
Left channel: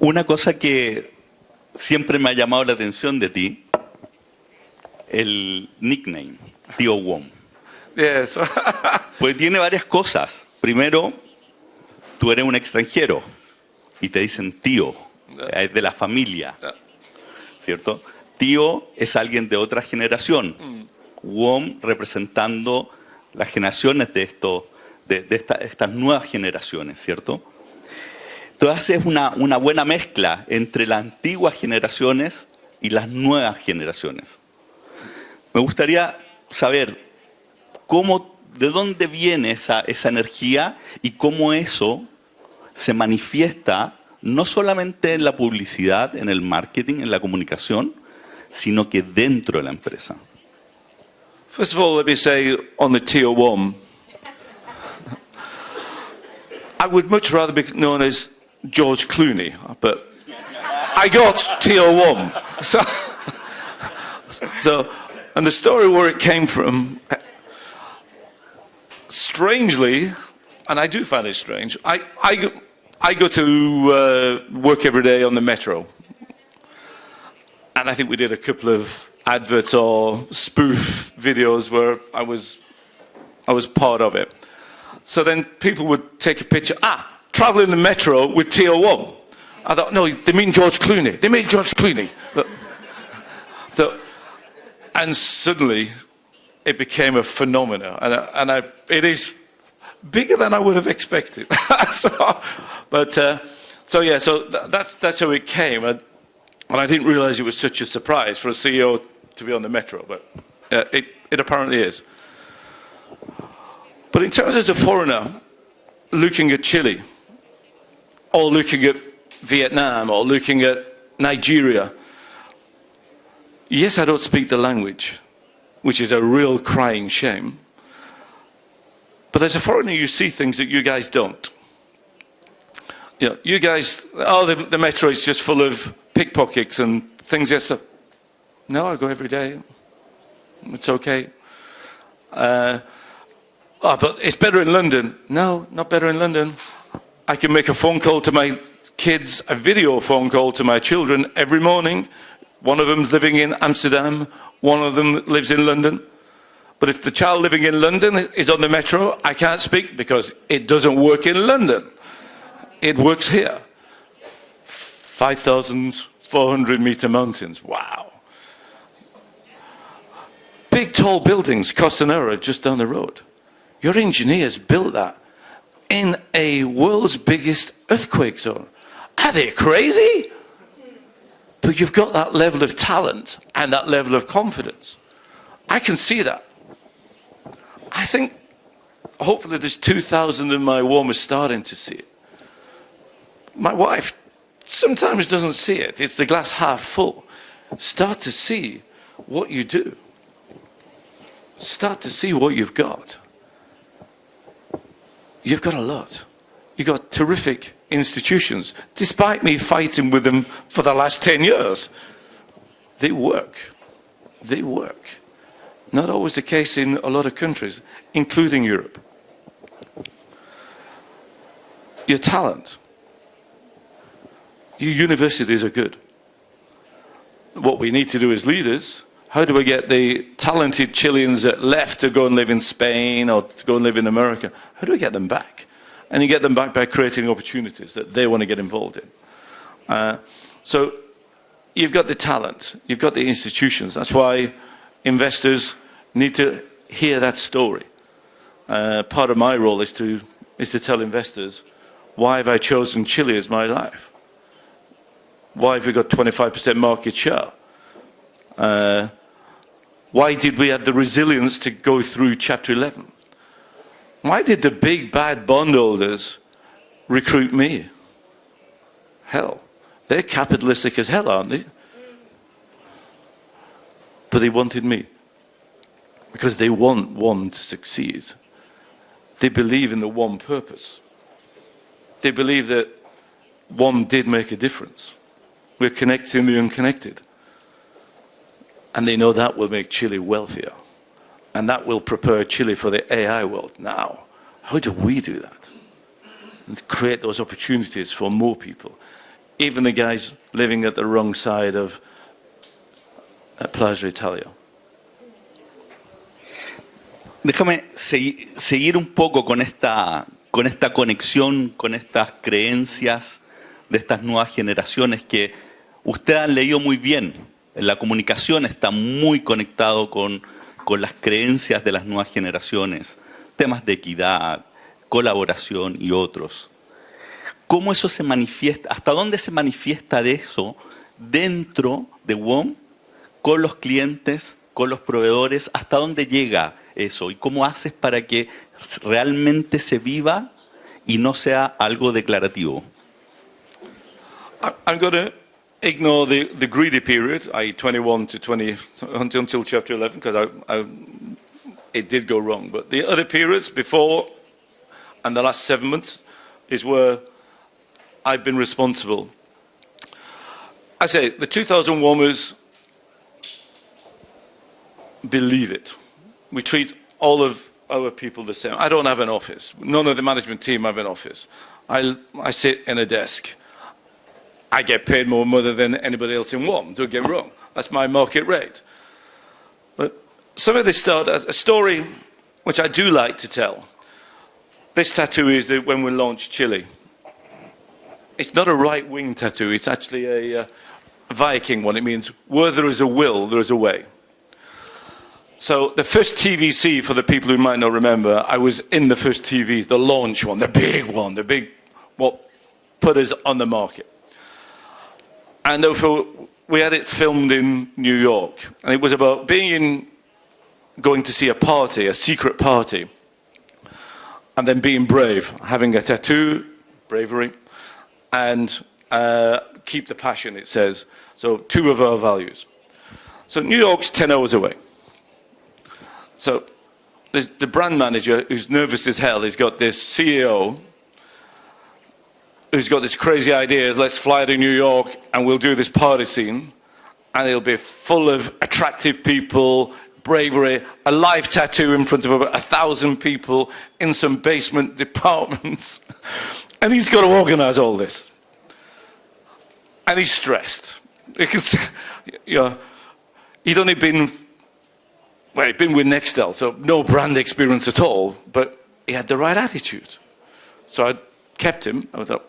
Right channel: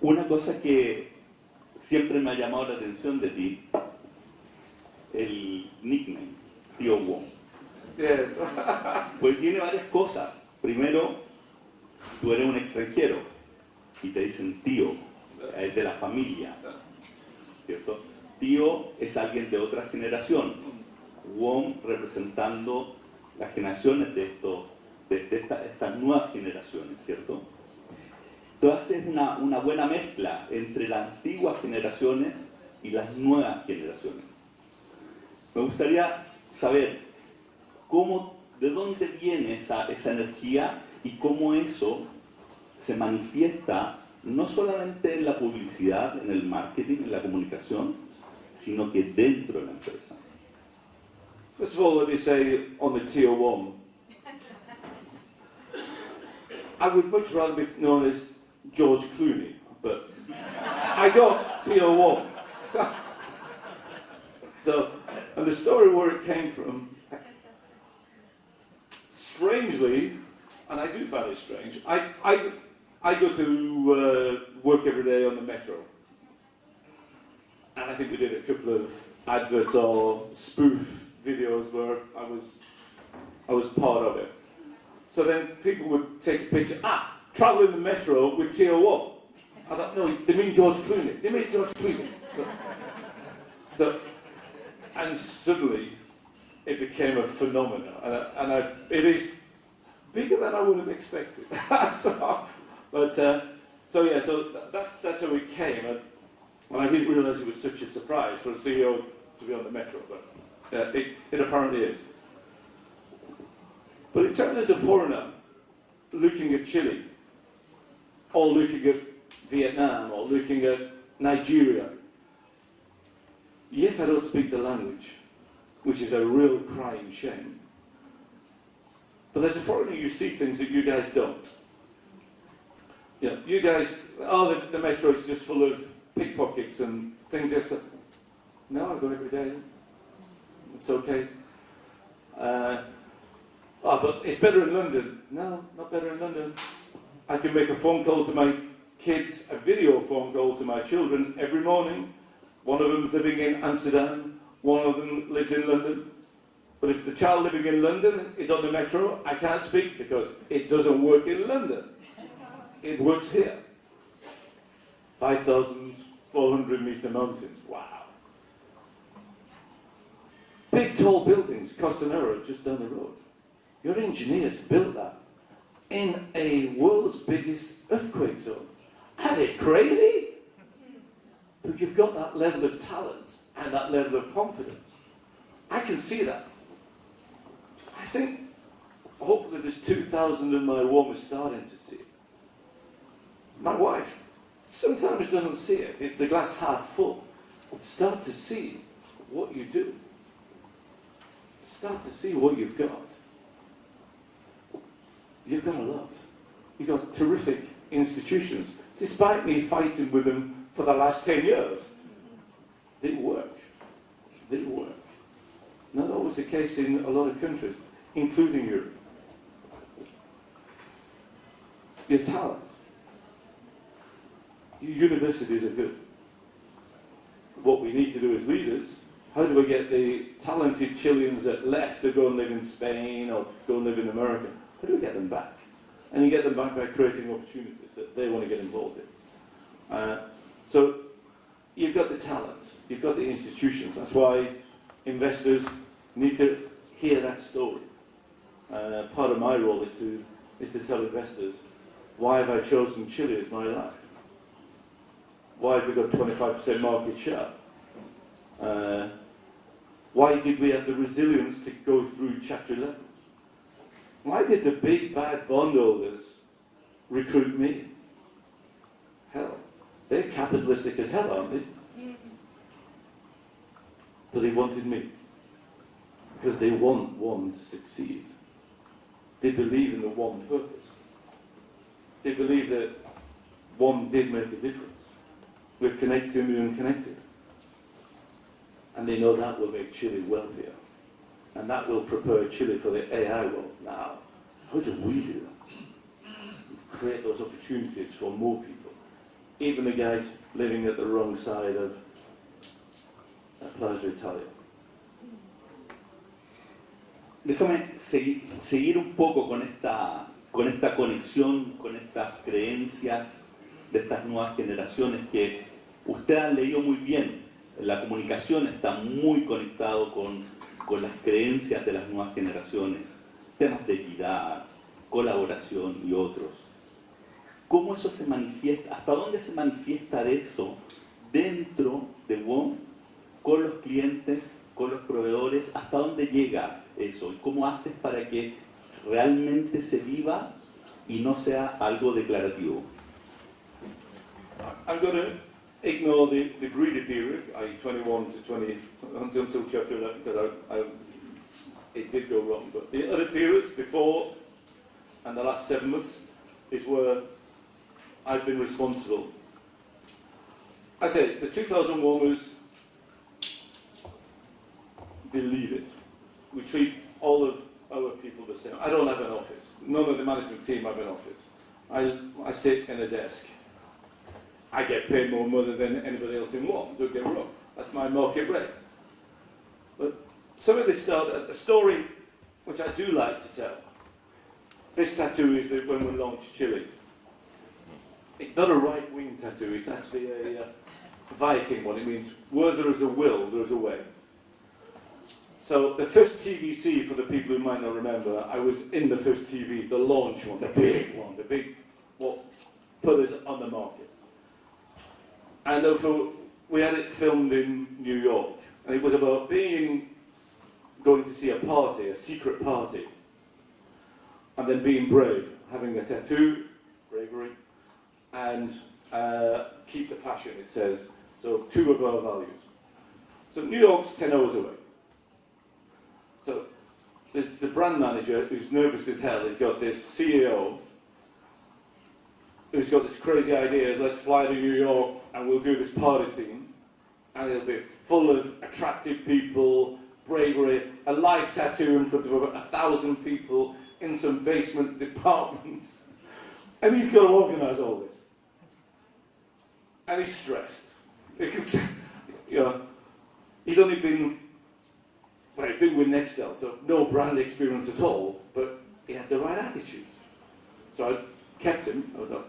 Una cosa que siempre me ha llamado la atención de ti, el nickname, Tío WOM. Yes. Pues tiene varias cosas. Primero, tú eres un extranjero y te dicen tío, es de la familia, ¿cierto? Tío es alguien de otra generación. WOM representando las generaciones de estas nuevas generaciones, ¿cierto? Entonces es una buena mezcla entre las antiguas generaciones y las nuevas generaciones. Me gustaría saber de dónde viene esa energía y cómo eso se manifiesta no solamente en la publicidad, en el marketing, en la comunicación, sino que dentro de la empresa. First of all, let me say on the Tío WOM, I would much rather be known as George Clooney, but I got Tío WOM. So, and the story where it came from, strangely, and I do find it strange, I go to work every day on the metro. And I think we did a couple of adverts or spoof videos where I was part of it. So then people would take a picture, travel in the metro with Tío WOM. I thought, no, they mean George Clooney. They mean George Clooney. And suddenly it became a phenomenon. And it is bigger than I would have expected. That's how it came. And I didn't realize it was such a surprise for a CEO to be on the metro, but it apparently is. But in terms as a foreigner, looking at Chile, or looking at Vietnam, or looking at Nigeria, yes, I don't speak the language, which is a real crying shame. But as a foreigner, you see things that you guys don't. You know, you guys, the metro is just full of pickpockets and things like that. No, I go every day. It's okay. But it's better in London. No, not better in London. I can make a phone call to my kids, a video phone call to my children every morning. One of them's living in Amsterdam, one of them lives in London. But if the child living in London is on the metro, I can't speak because it doesn't work in London. It works here. 5,400 meter mountains, wow. Big tall buildings, Costanera just down the road. Your engineers built that in a world's biggest earthquake zone. Are they crazy? But you've got that level of talent and that level of confidence. I can see that. I think hopefully there's 2,000 in my WOM are starting to see it. My wife sometimes doesn't see it. It's the glass half full. Start to see what you do. Start to see what you've got. You've got a lot. You've got terrific institutions. Despite me fighting with them for the last 10 years, they work. They work. Not always the case in a lot of countries, including Europe. Your talent. Your universities are good. What we need to do as leaders, how do we get the talented Chileans that left to go and live in Spain or to go and live in America, how do we get them back? And you get them back by creating opportunities that they want to get involved in. So you've got the talent, you've got the institutions. That's why investors need to hear that story. Part of my role is to tell investors, why have I chosen Chile as my life? Why have we got 25% market share? Why did we have the resilience to go through Chapter 11? Why did the big bad bondholders recruit me? Hell, they're capitalistic as hell, aren't they? But they wanted me because they want WOM to succeed. They believe in the WOM purpose. they believe that WOM did make a difference. We're connecting the unconnected. And they know that will make Chile wealthier. And that will prepare Chile for the AI world. Now, how do we do that? And create those opportunities for more people. Even the guys living at the wrong side of Plaza Italia. Déjame seguir un poco con esta conexión, con estas creencias de estas nuevas generaciones que usted ha leído muy bien. La comunicación está muy conectado con las creencias de las nuevas generaciones, temas de equidad, colaboración y otros. ¿Cómo eso se manifiesta? ¿Hasta dónde se manifiesta de eso dentro de WOM, con los clientes, con los proveedores? ¿Hasta dónde llega eso? ¿Y cómo haces para que realmente se viva y no sea algo declarativo? I'm going to ignore the greedy period, i.e. 21 to 20, until chapter 11, because it did go wrong. But the other periods before and the last 7 months is where I've been responsible. I say, the 2000 WOMers believe it. We treat all of our people the same. I don't have an office. None of the management team have an office. I sit in a desk. I get paid more money than anybody else in WOM, don't get me wrong. That's my market rate. But some of this started a story which I do like to tell. This tattoo is that when we launched Chile. It's not a right-wing tattoo, it's actually a Viking one. It means where there is a will, there is a way. So the first TVC, for the people who might not remember, I was in the first TV, the launch one, the big one, what put us on the market. And therefore, we had it filmed in New York. And it was about going to see a party, a secret party, and then being brave, having a tattoo, bravery, and keep the passion, it says. So 2 of our values. So New York's 10 hours away. So there's the brand manager who's nervous as hell. He's got this CEO who's got this crazy idea, let's fly to New York and we'll do this party scene. And it'll be full of attractive people, bravery, a live tattoo in front of about 1,000 people in some basement departments. And he's got to organize all this. And he's stressed. You can see, he'd only been with Nextel, so no brand experience at all, but he had the right attitude. So I kept him. I thought,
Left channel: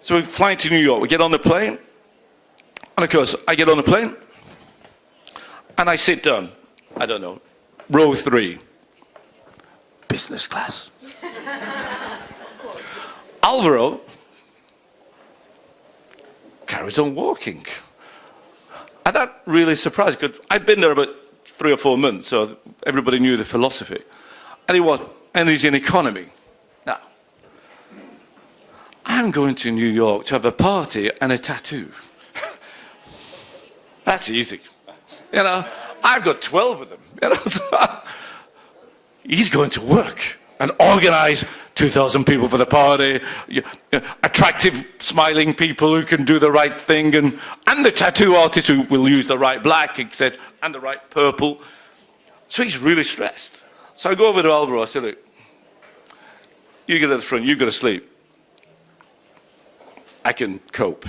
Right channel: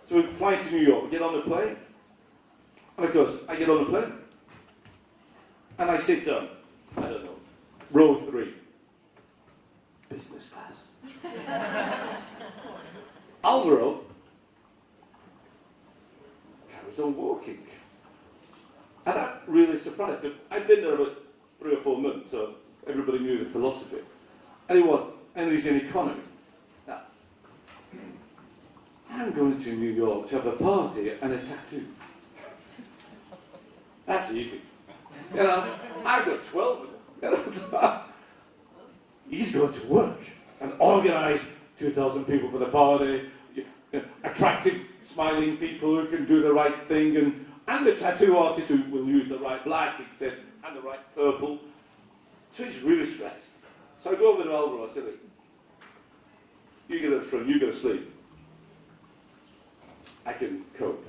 so we fly to New York, we get on the plane, and of course, I get on the plane, and I sit down, I don't know, row 3, business class. Alvaro carries on walking. And that really surprised me, because I'd been there about 3 or 4 months, so everybody knew the philosophy. And he's in economy. Now, I'm going to New York to have a party and a tattoo. That's easy. I've got 12 of them. So he's going to work and organize 2,000 people for the party, attractive, smiling people who can do the right thing, and the tattoo artist who will use the right black, etc., and the right purple. So he's really stressed. So I go over to Alvaro, I say, look, you get at the front, you go to sleep. I can cope.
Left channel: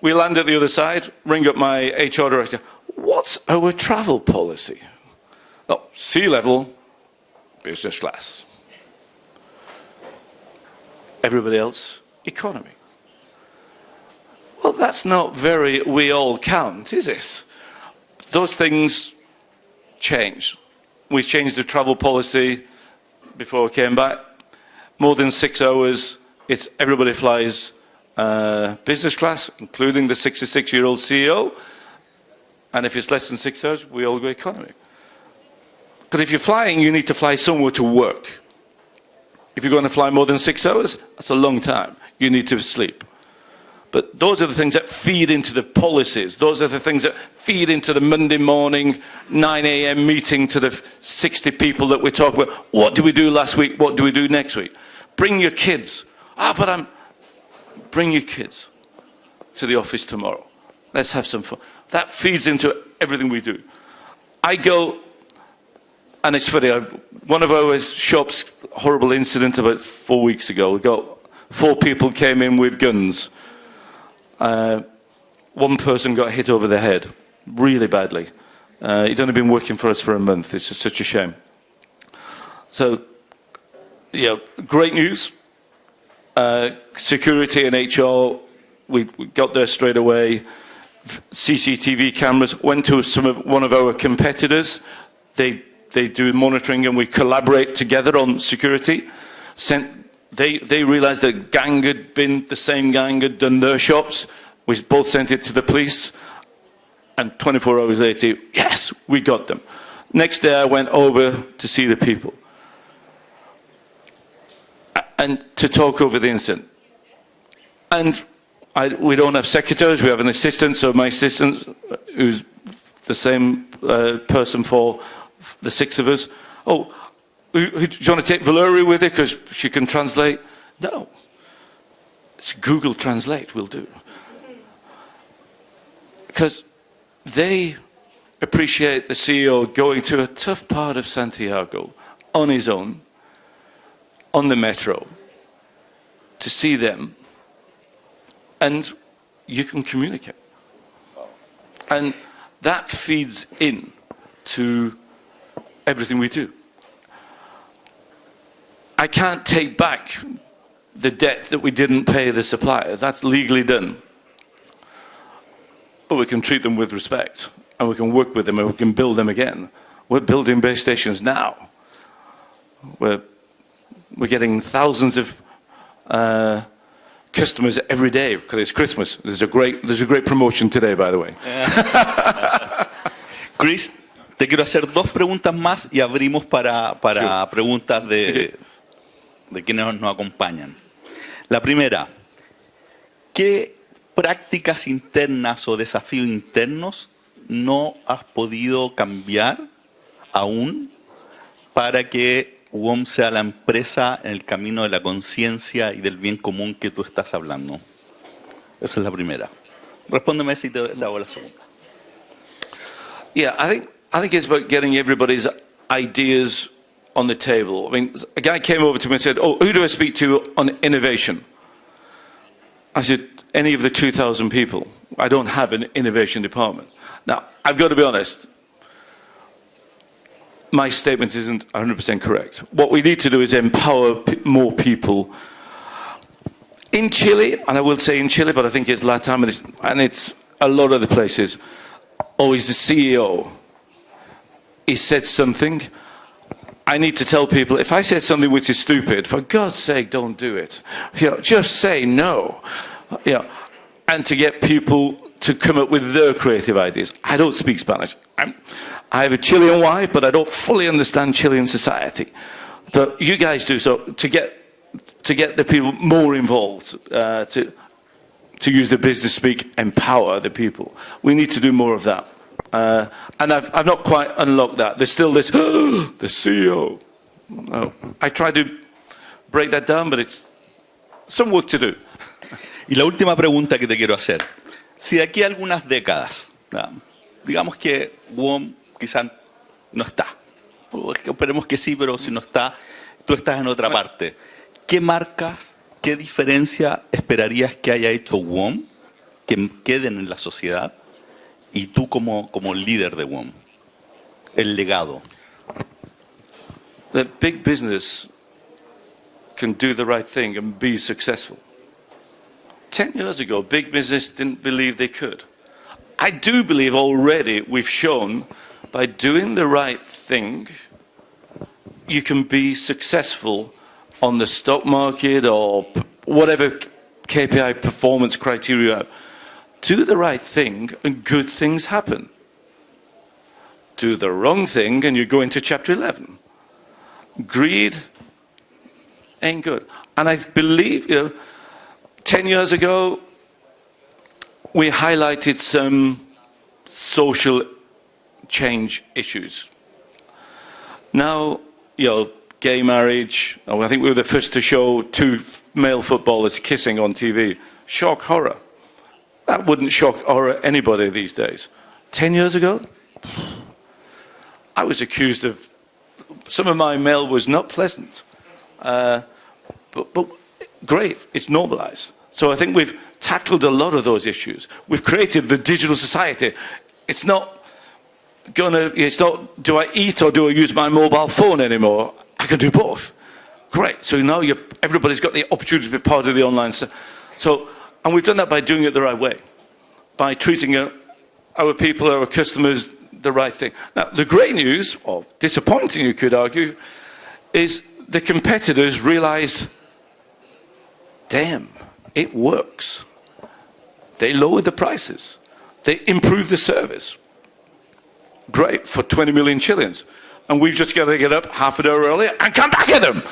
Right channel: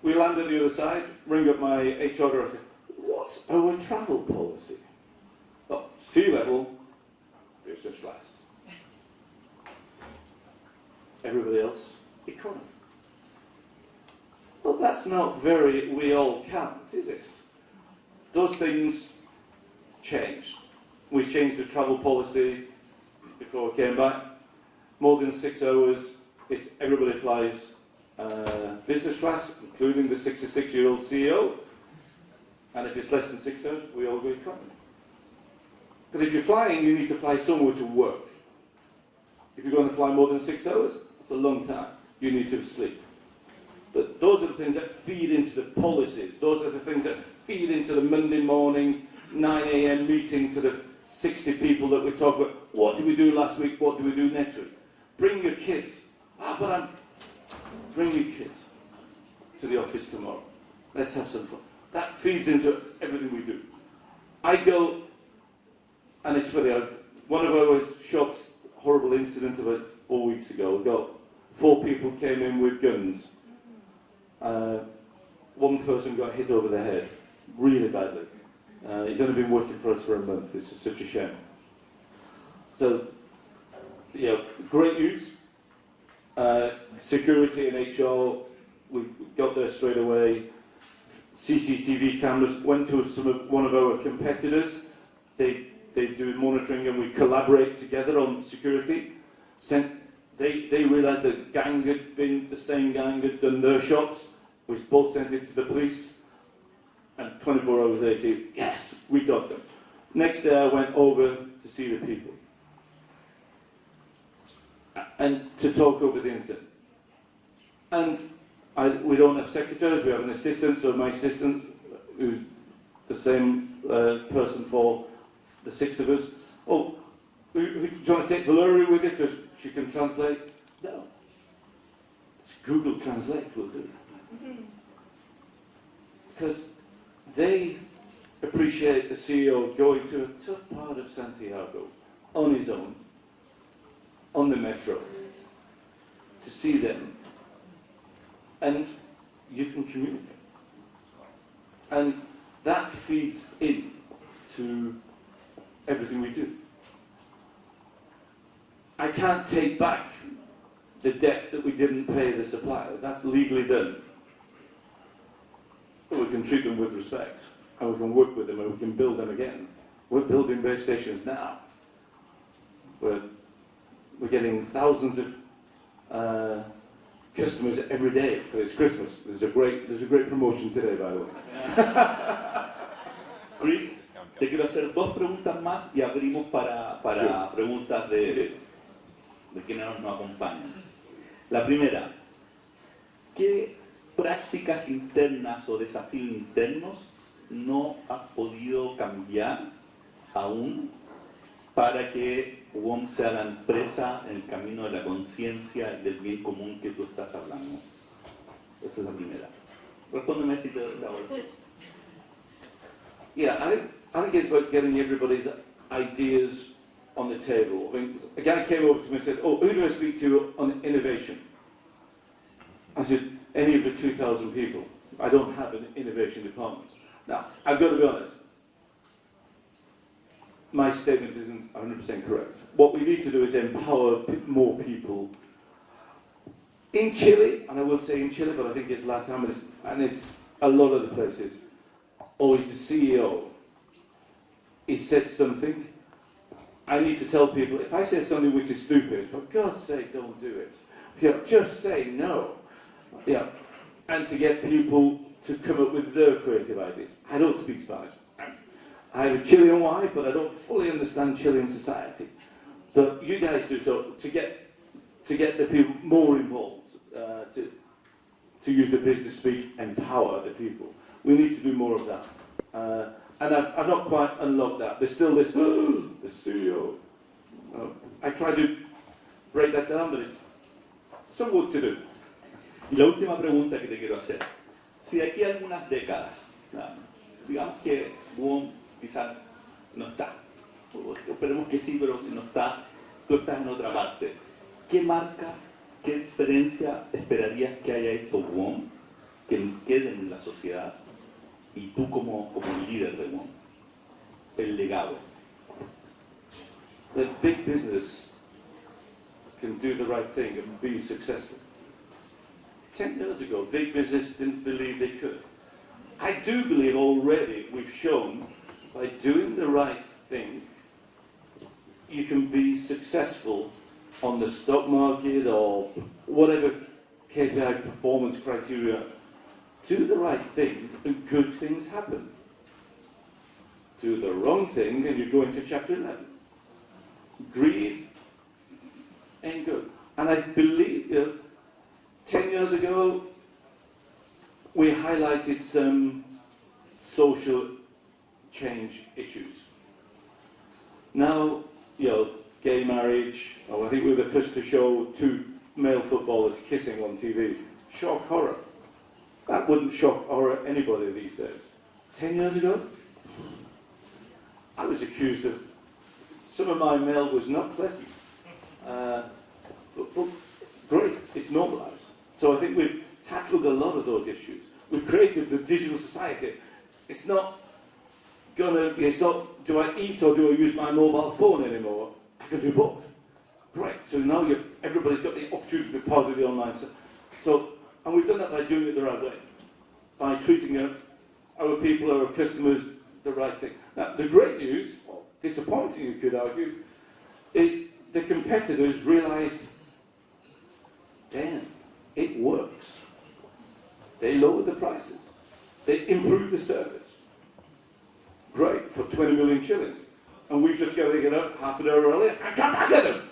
We land at the other side, ring up my HR director. What's our travel policy? Oh, sea level, business class. Everybody else, economy. Well, that's not very we all count, is it? Those things change. We changed the travel policy before we came back. More than 6 hours, it's everybody flies business class, including the 66-year-old CEO. And if it's less than 6 hours, we all go economy. But if you're flying, you need to fly somewhere to work. If you're going to fly more than 6 hours, that's a long time. You need to sleep. But those are the things that feed into the policies. Those are the things that feed into the Monday morning, 9 a.m. meeting to the 60 people that we talk about. What do we do last week? What do we do next week? bring your kids. Bring your kids to the office tomorrow. Let's have some fun. That feeds into everything we do. I go, and it's funny, one of our shops, horrible incident about 4 weeks ago. We got 4 people came in with guns. One person got hit over the head, really badly. He'd only been working for us for a month. It's just such a shame. So, great news. Security and HR, we got there straight away. CCTV cameras went to one of our competitors. They do monitoring and we collaborate together on security. They realised that the same gang had done their shops. We both sent it to the police, and 24 hours later, yes, we got them. Next day I went over to see the people and to talk over the incident. And we don't have secretaries, we have an assistant, so my assistant, who's the same person for the 6 of us. Oh, do you want to take Valerie with you because she can translate? No. It's Google Translate will do. Because they appreciate the CEO going to a tough part of Santiago on his own, on the metro, to see them, and you can communicate. And that feeds in to everything we do. I can't take back the debt that we didn't pay the suppliers. That's legally done. But we can treat them with respect, and we can work with them, and we can build them again. We're building base stations now. We're getting thousands of customers every day because it's Christmas. There's a great promotion today, by the way. Chris, te quiero hacer 2 preguntas más y abrimos para preguntas de quienes nos acompañan. La primera, ¿qué prácticas internas o desafíos internos no has podido cambiar aún para que WOM sea la empresa en el camino de la conciencia y del bien común que tú estás hablando? Esa es la primera. Respóndeme si te hago la segunda. Yeah, I think it's about getting everybody's ideas on the table. I mean, a guy came over to me and said, "Oh, who do I speak to on innovation?" I said, "Any of the 2,000 people. I don't have an innovation department." Now, I've got to be honest. My statement isn't 100% correct. What we need to do is empower more people. In Chile, and I will say in Chile, but I think it's Latam and it's a lot of the places, always the CEO. He said something. I need to tell people, if I say something which is stupid, for God's sake, don't do it. Just say no. And to get people to come up with their creative ideas. I don't speak Spanish. I have a Chilean wife, but I don't fully understand Chilean society. But you guys do, so to get the people more involved, to use the business speak, empower the people. We need to do more of that. And I've not quite unlocked that. There's still this, the CEO. I try to break that down, but it's some work to do. Y la última pregunta que te quiero hacer. Si de aquí a algunas décadas, digamos que WOM quizás no está, o esperemos que sí, pero si no está, tú estás en otra parte. ¿Qué marcas, qué diferencia esperarías que haya hecho WOM que queden en la sociedad y tú como líder de WOM? El legado. The big business can do the right thing and be successful. 10 years ago, big business didn't believe they could. I do believe already we've shown by doing the right thing, you can be successful on the stock market or whatever KPI performance criteria. Do the right thing and good things happen. Do the wrong thing and you go into chapter 11. Greed ain't good. And I believe, 10 years ago, we highlighted some social change issues. Now, gay marriage. Oh, I think we were the first to show two male footballers kissing on TV. Shock horror. That wouldn't shock horror anybody these days. 10 years ago, I was accused of, some of my mail was not pleasant. But great, it's normalized. So I think we've tackled a lot of those issues. We've created the digital society. It's not, do I eat or do I use my mobile phone anymore? I can do both. Great. So now everybody's got the opportunity to be part of the online. And we've done that by doing it the right way, by treating our people, our customers, the right thing. Now, the great news, or disappointing you could argue, is the competitors realized, damn, it works. They lowered the prices. They improved the service. Great, for 20 million Chileans. And we've just got to get up half an hour earlier and come back at them.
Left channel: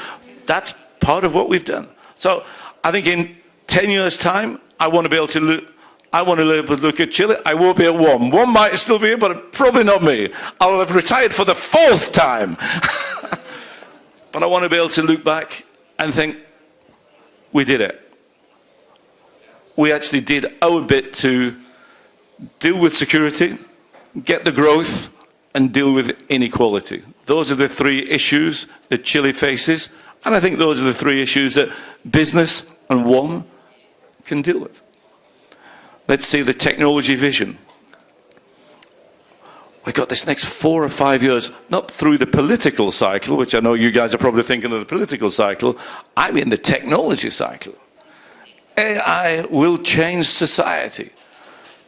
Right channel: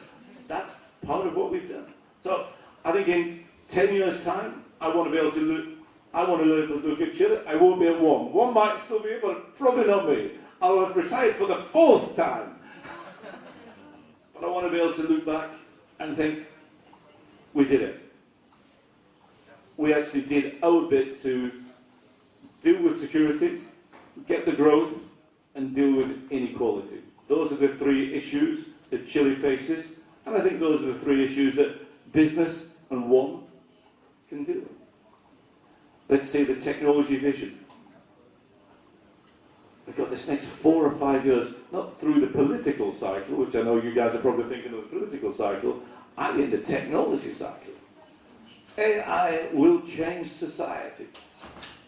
That's part of what we've done. So I think in 10 years' time, I want to be able to look at Chile. I will be at WOM. WOM might still be here, but probably not me. I will have retired for the 4th time. But I want to be able to look back and think, we did it. We actually did our bit to deal with security, get the growth, and deal with inequality. Those are the 3 issues that Chile faces, and I think those are the 3 issues that business and WOM can deal with. Let's see the technology vision. We've got this next 4 or 5 years, not through the political cycle, which I know you guys are probably thinking of the political cycle, I'm in the technology cycle. AI will change society.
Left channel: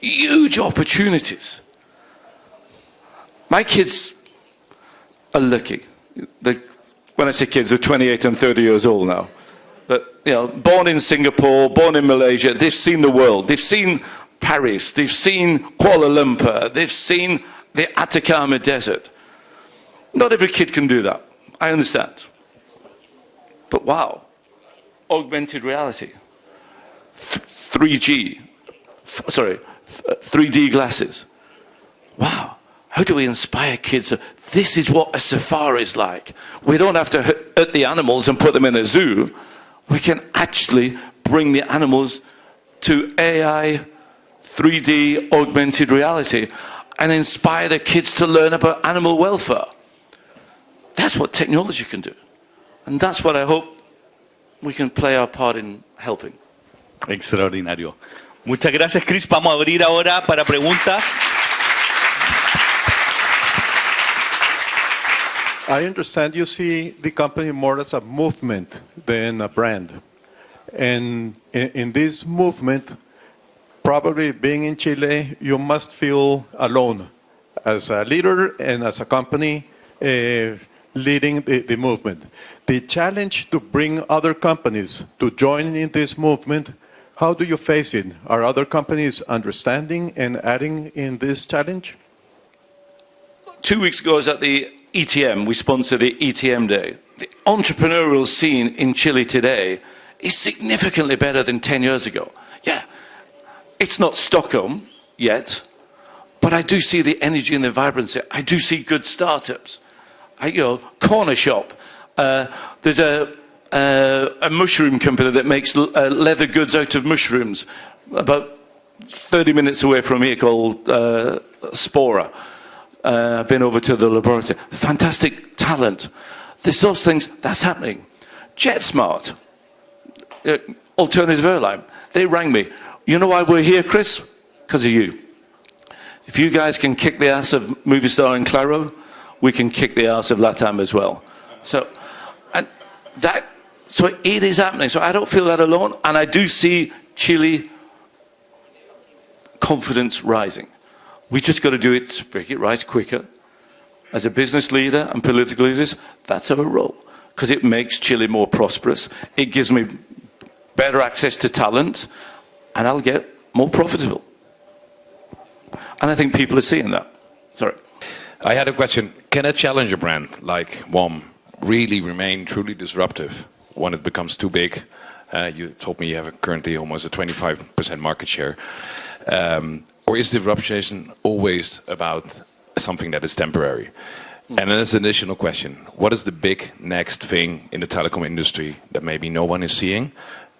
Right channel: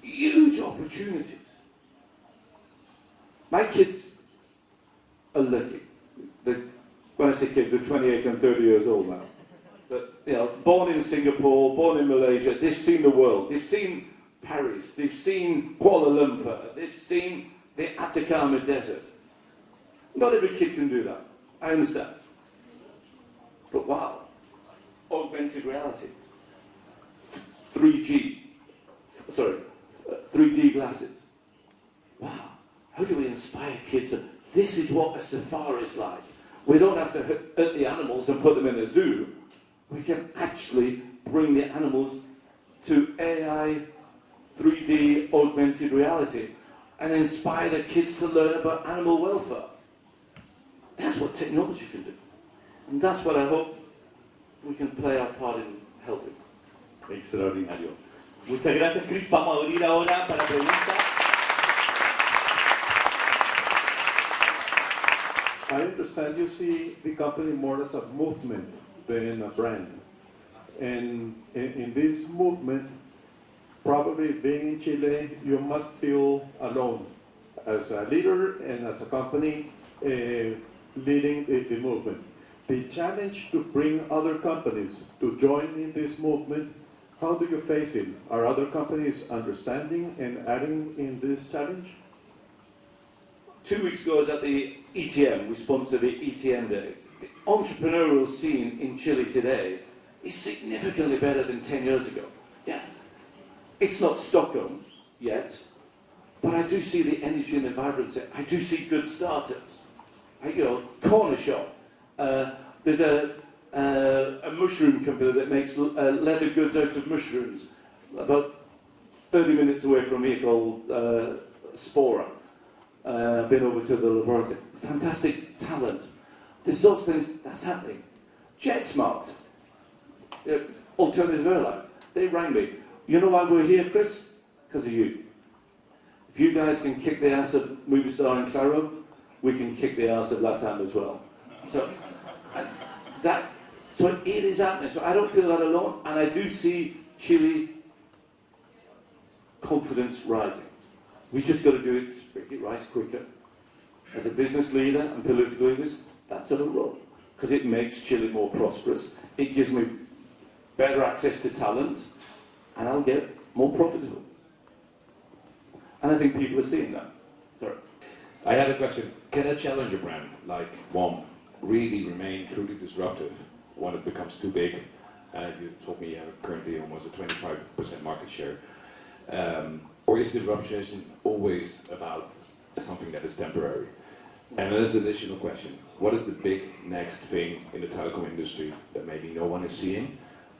Huge opportunities. My kids are lucky. When I say kids, they're 28 and 30 years old now. But, born in Singapore, born in Malaysia, they've seen the world. They've seen Paris, they've seen Kuala Lumpur, they've seen the Atacama Desert. Not every kid can do that. I understand. But wow, augmented reality, 3D glasses. Wow, how do we inspire kids? This is what a safari is like. We don't have to hurt the animals and put them in a zoo. We can actually bring the animals to AI, 3D, augmented reality, and inspire the kids to learn about animal welfare. That's what technology can do. And that's what I hope we can play our part in helping. Extraordinario. Muchas gracias, Chris. Vamos a abrir ahora para preguntas. I understand you see the company more as a movement than a brand. And in this movement, probably being in Chile, you must feel alone as a leader and as a company leading the movement. The challenge to bring other companies to join in this movement, how do you face it? Are other companies understanding and adding in this challenge? 2 weeks ago, I was at the ETM. We sponsor the ETM Day. The entrepreneurial scene in Chile today is significantly better than 10 years ago. Yeah, it's not Stockholm yet, but I do see the energy and the vibrancy. I do see good startups. Corner shop. There's a mushroom company that makes leather goods out of mushrooms about 30 minutes away from here called Spora. Been over to the laboratory. Fantastic talent. There's those things, that's happening. JetSmart, alternative airline, they rang me. You know why we're here, Chris? Because of you. If you guys can kick the ass of Movistar and Claro, we can kick the ass of LATAM as well. So it is happening. So I don't feel that alone, and I do see Chile confidence rising. We just got to do it to make it rise quicker. As a business leader and political leaders, that's our role, because it makes Chile more prosperous. It gives me better access to talent, and I'll get more profitable. And I think people are seeing that. Sorry. I had a question. Can a challenger brand like WOM really remain truly disruptive when it becomes too big? You told me you have currently almost a 25% market share. Or is disruption always about something that is temporary? And then as an additional question, what is the big next thing in the telecom industry that maybe no one is seeing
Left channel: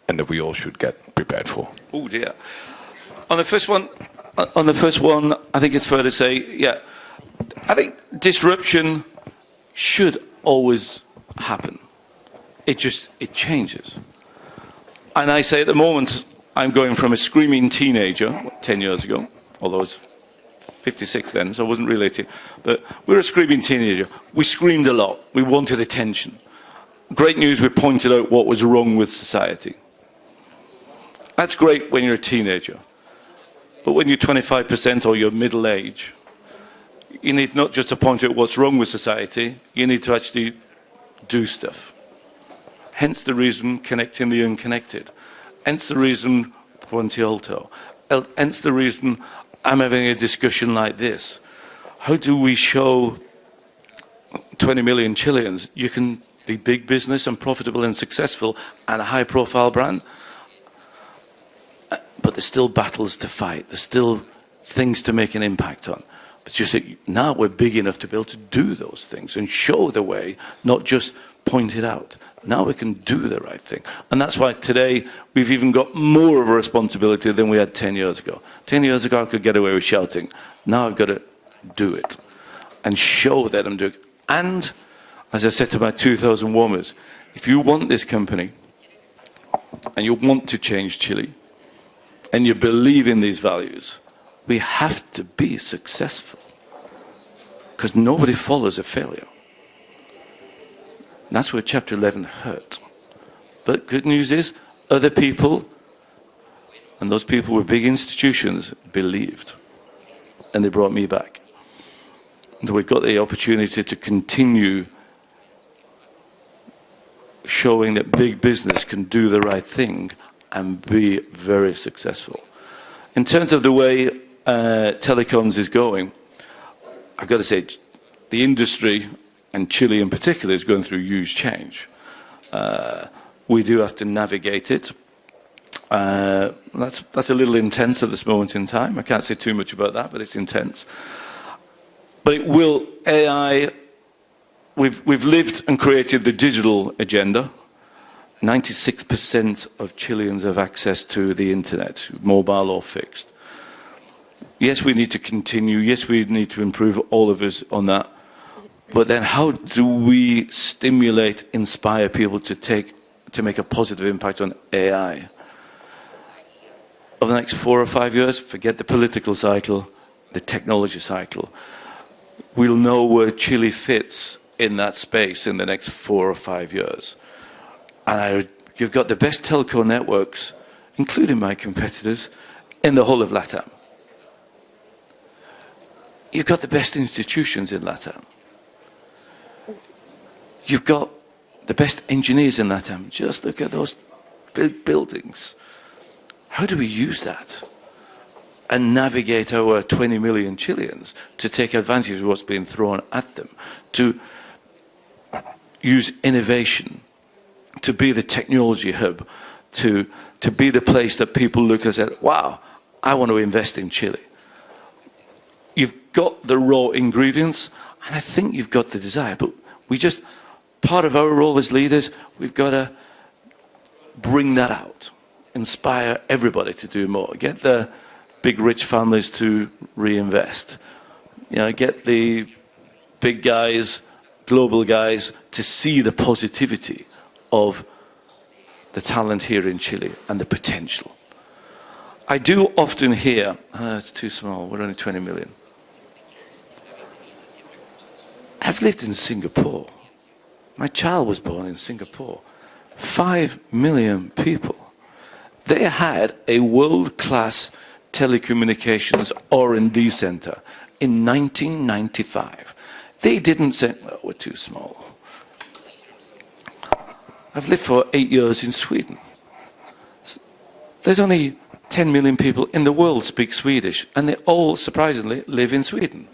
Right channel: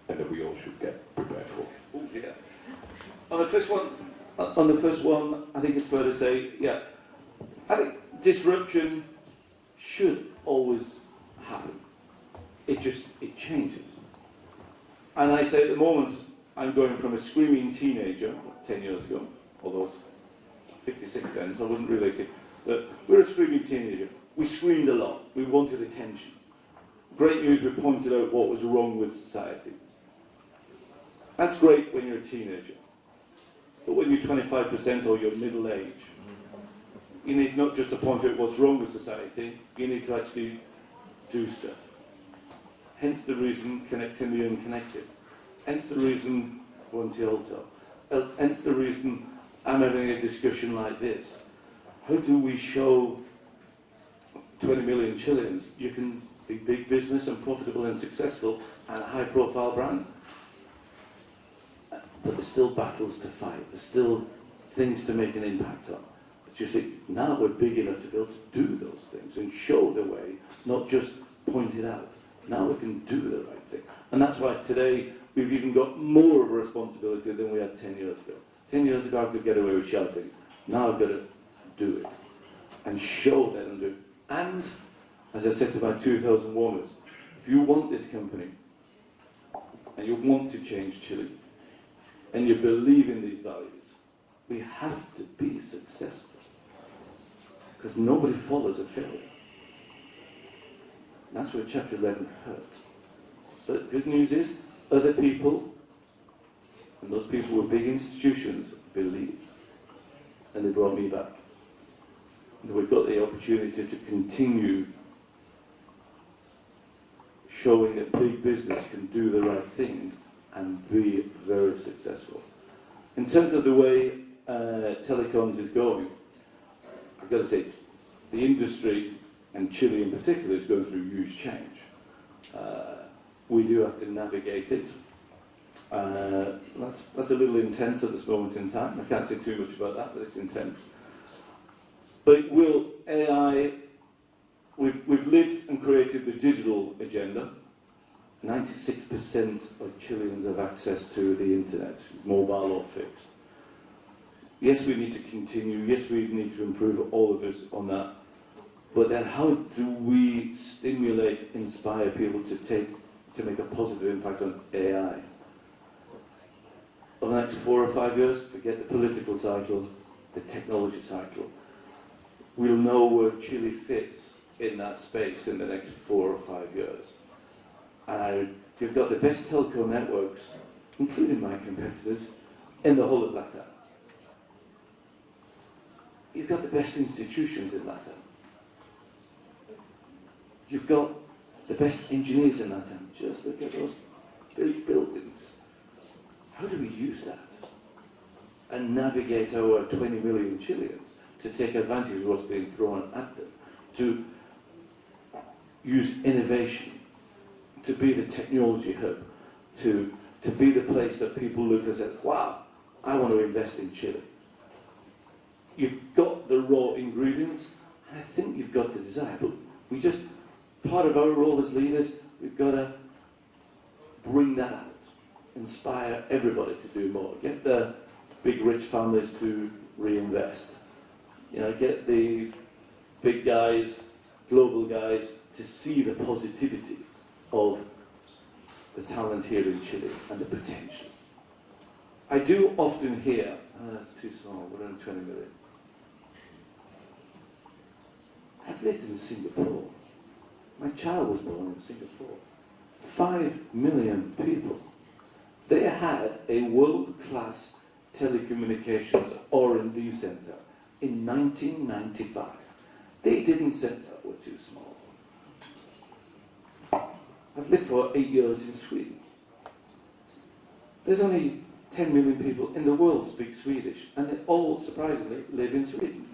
and that we all should get prepared for? Oh dear. On the first one, I think it's fair to say, yeah, I think disruption should always happen. It changes. And I say at the moment, I'm going from a screaming teenager 10 years ago, although I was 56 then, so I wasn't really 18, but we were a screaming teenager. We screamed a lot. We wanted attention. Great news, we pointed out what was wrong with society. That's great when you're a teenager. But when you're 25% or you're middle age, you need not just to point out what's wrong with society, you need to actually do stuff. Hence the reason connecting the unconnected. Hence the reason Puente Alto. Hence the reason I'm having a discussion like this. How do we show 20 million Chileans you can be big business and profitable and successful and a high profile brand? But there's still battles to fight. There's still things to make an impact on. But just now we're big enough to be able to do those things and show the way, not just point it out. Now we can do the right thing. And that's why today we've even got more of a responsibility than we had 10 years ago. 10 years ago I could get away with shouting. Now I've got to do it and show that I'm doing it. And as I said to my 2,000 WOMers, if you want this company and you want to change Chile and you believe in these values, we have to be successful because nobody follows a failure. That's where Chapter 11 hurt. But good news is, other people, and those people were big institutions, believed. And they brought me back. And we got the opportunity to continue showing that big business can do the right thing and be very successful. In terms of the way telecoms is going, I've got to say, the industry, and Chile in particular, is going through huge change. We do have to navigate it. That's a little intense at this moment in time. I can't say too much about that, but it's intense. But it will, AI, we've lived and created the digital agenda. 96% of Chileans have access to the internet, mobile or fixed. Yes, we need to continue. Yes, we need to improve, all of us, on that. But then how do we stimulate, inspire people to make a positive impact on AI? Over the next 4 or 5 years, forget the political cycle, the technology cycle. We'll know where Chile fits in that space in the next 4 or 5 years. And you've got the best telco networks, including my competitors, in the whole of LATAM. You've got the best institutions in LATAM. You've got the best engineers in LATAM. Just look at those big buildings. How do we use that and navigate our 20 million Chileans to take advantage of what's being thrown at them, to use innovation, to be the technology hub, to be the place that people look and say, wow, I want to invest in Chile. You've got the raw ingredients, and I think you've got the desire, but part of our role as leaders, we've got to bring that out, inspire everybody to do more, get the big rich families to reinvest, get the big guys, global guys, to see the positivity of the talent here in Chile and the potential. I do often hear, it's too small, we're only 20 million. I've lived in Singapore. My child was born in Singapore. 5 million people. They had a world-class telecommunications R&D center in 1995. They didn't say, well, we're too small. I've lived for 8 years in Sweden. There's only 10 million people in the world speak Swedish, and they all, surprisingly, live in Sweden.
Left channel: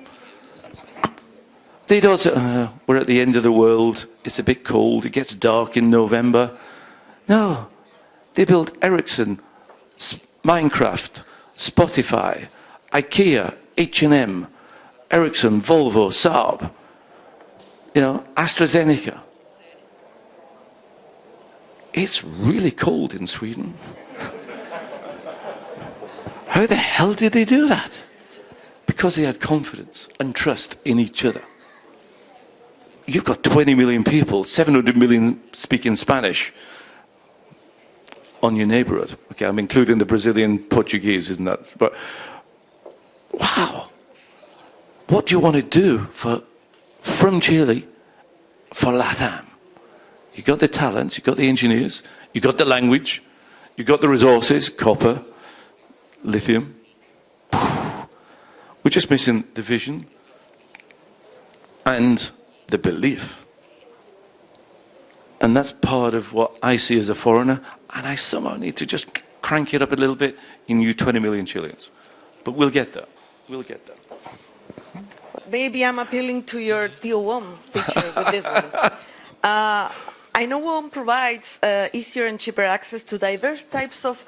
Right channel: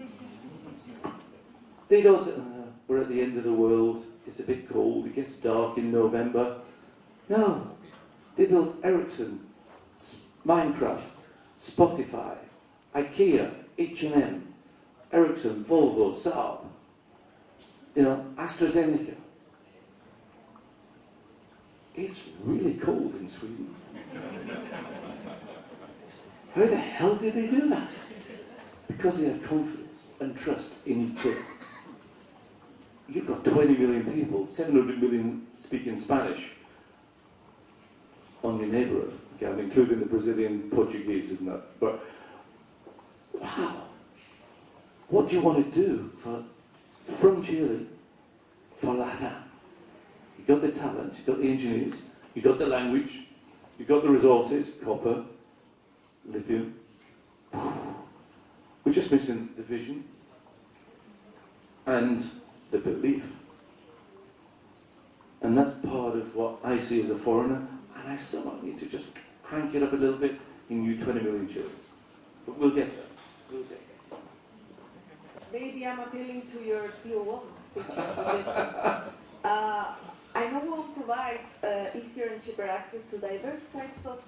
They don't say, we're at the end of the world, it's a bit cold, it gets dark in November. No, they built Ericsson, Minecraft, Spotify, IKEA, H&M, Ericsson, Volvo, Saab. You know, AstraZeneca. It's really cold in Sweden. How the hell did they do that? Because they had confidence and trust in each other. You've got 20 million people, 700 million speaking Spanish on your neighborhood. Okay, I'm including the Brazilian Portuguese, isn't that? But wow, what do you want to do from Chile for LATAM? You got the talents, you got the engineers, you got the language, you got the resources, copper, lithium. We're just missing the vision and the belief. And that's part of what I see as a foreigner, and I somehow need to just crank it up a little bit in you 20 million Chileans. But we'll get there. We'll get there. Maybe I'm appealing to your Tío WOM feature with this one. I know WOM provides easier and cheaper access to diverse types of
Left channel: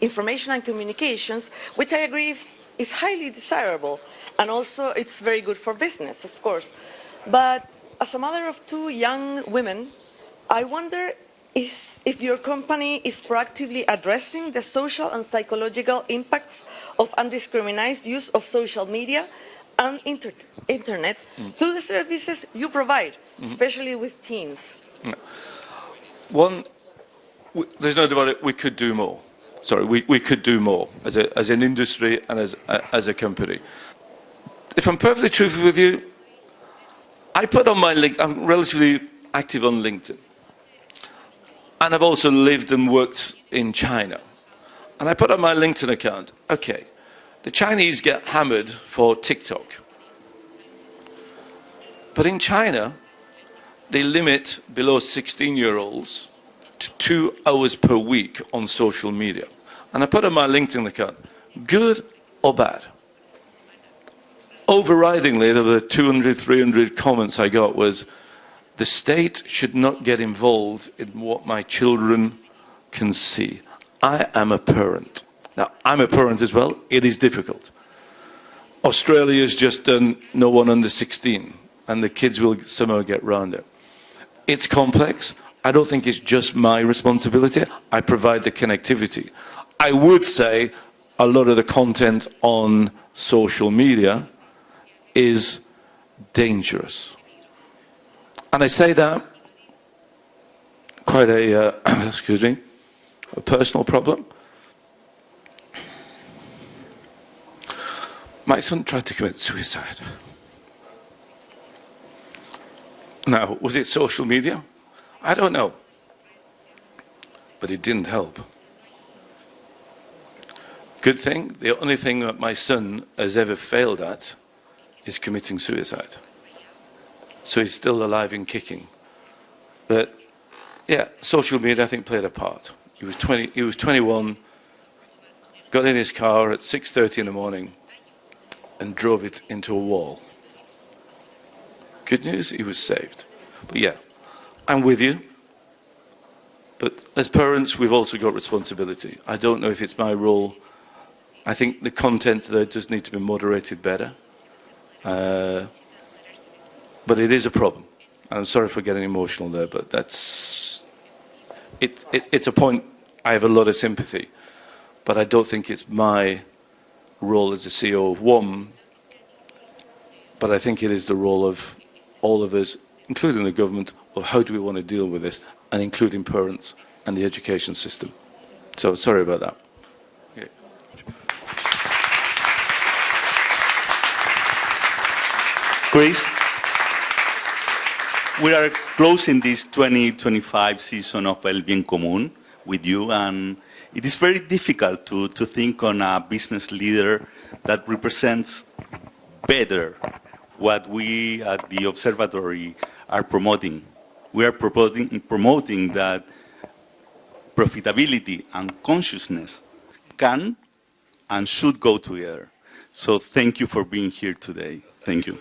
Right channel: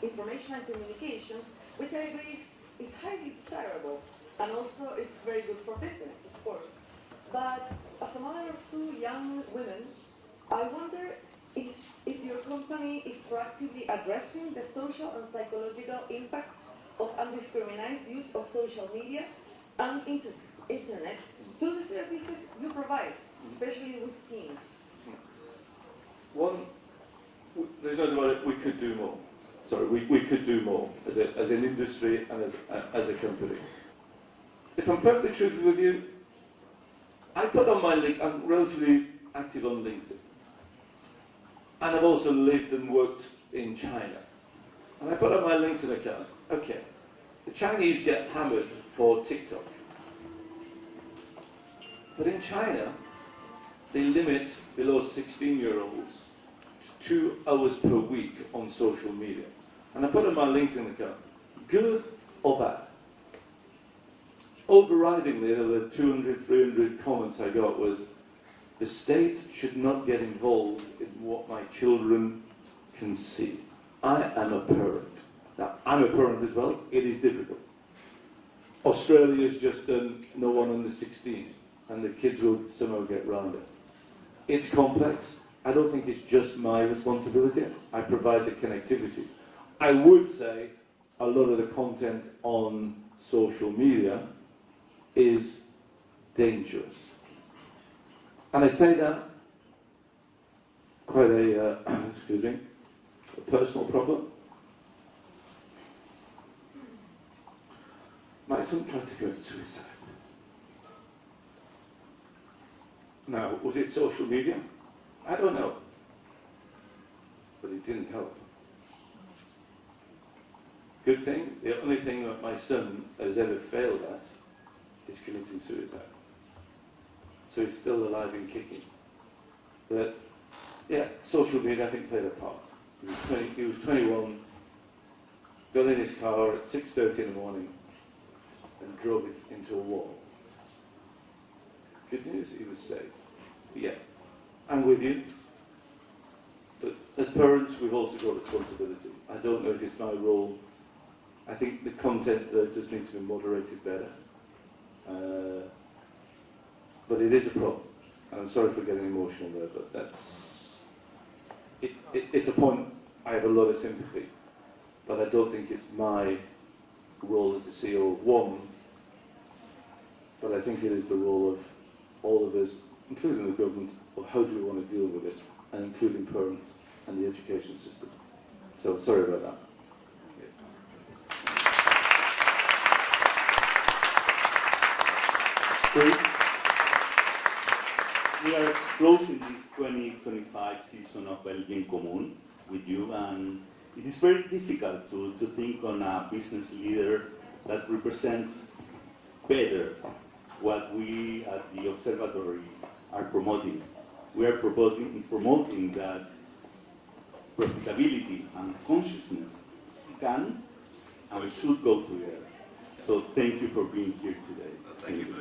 information and communications, which I agree is highly desirable. And also it's very good for business, of course. But as a mother of two young women, I wonder if your company is proactively addressing the social and psychological impacts of undiscriminated use of social media and internet through the services you provide, especially with teens. One, there's no doubt about it, we could do more. Sorry, we could do more as an industry and as a company. If I'm perfectly truthful with you, I put on my link, I'm relatively active on LinkedIn. And I've also lived and worked in China. And I put on my LinkedIn account, okay, the Chinese get hammered for TikTok. But in China, they limit below 16-year-olds to 2 hours per week on social media. And I put on my LinkedIn account, good or bad? Overridingly, there were 200, 300 comments I got was, the state should not get involved in what my children can see. I am a parent. Now, I'm a parent as well. It is difficult. Australia's just done no one under 16, and the kids will somehow get round it. It's complex. I don't think it's just my responsibility. I provide the connectivity. I would say a lot of the content on social media is dangerous. And I say that quite a, excuse me, a personal problem. My son tried to commit suicide. Now, was it social media? I don't know. But it didn't help. Good thing, the only thing that my son has ever failed at is committing suicide. So he's still alive and kicking. But yeah, social media I think played a part. He was 21, got in his car at 6:30 in the morning and drove it into a wall. Good news, he was saved. But yeah, I'm with you. But as parents, we've also got responsibility. I don't know if it's my role. I think the content there does need to be moderated better. But it is a problem. I'm sorry for getting emotional there, but that's... It's a point I have a lot of sympathy. But I don't think it's my role as the CEO of WOM. But I think it is the role of all of us, including the government, of how do we want to deal with this, and including parents and the education system. So sorry about that. Chris, we are closing this 2025 season of El Bien Común with you, and it is very difficult to think on a business leader that represents better what we at the observatory are promoting. We are promoting that profitability and consciousness can and should go together. So thank you for being here today. Thank you.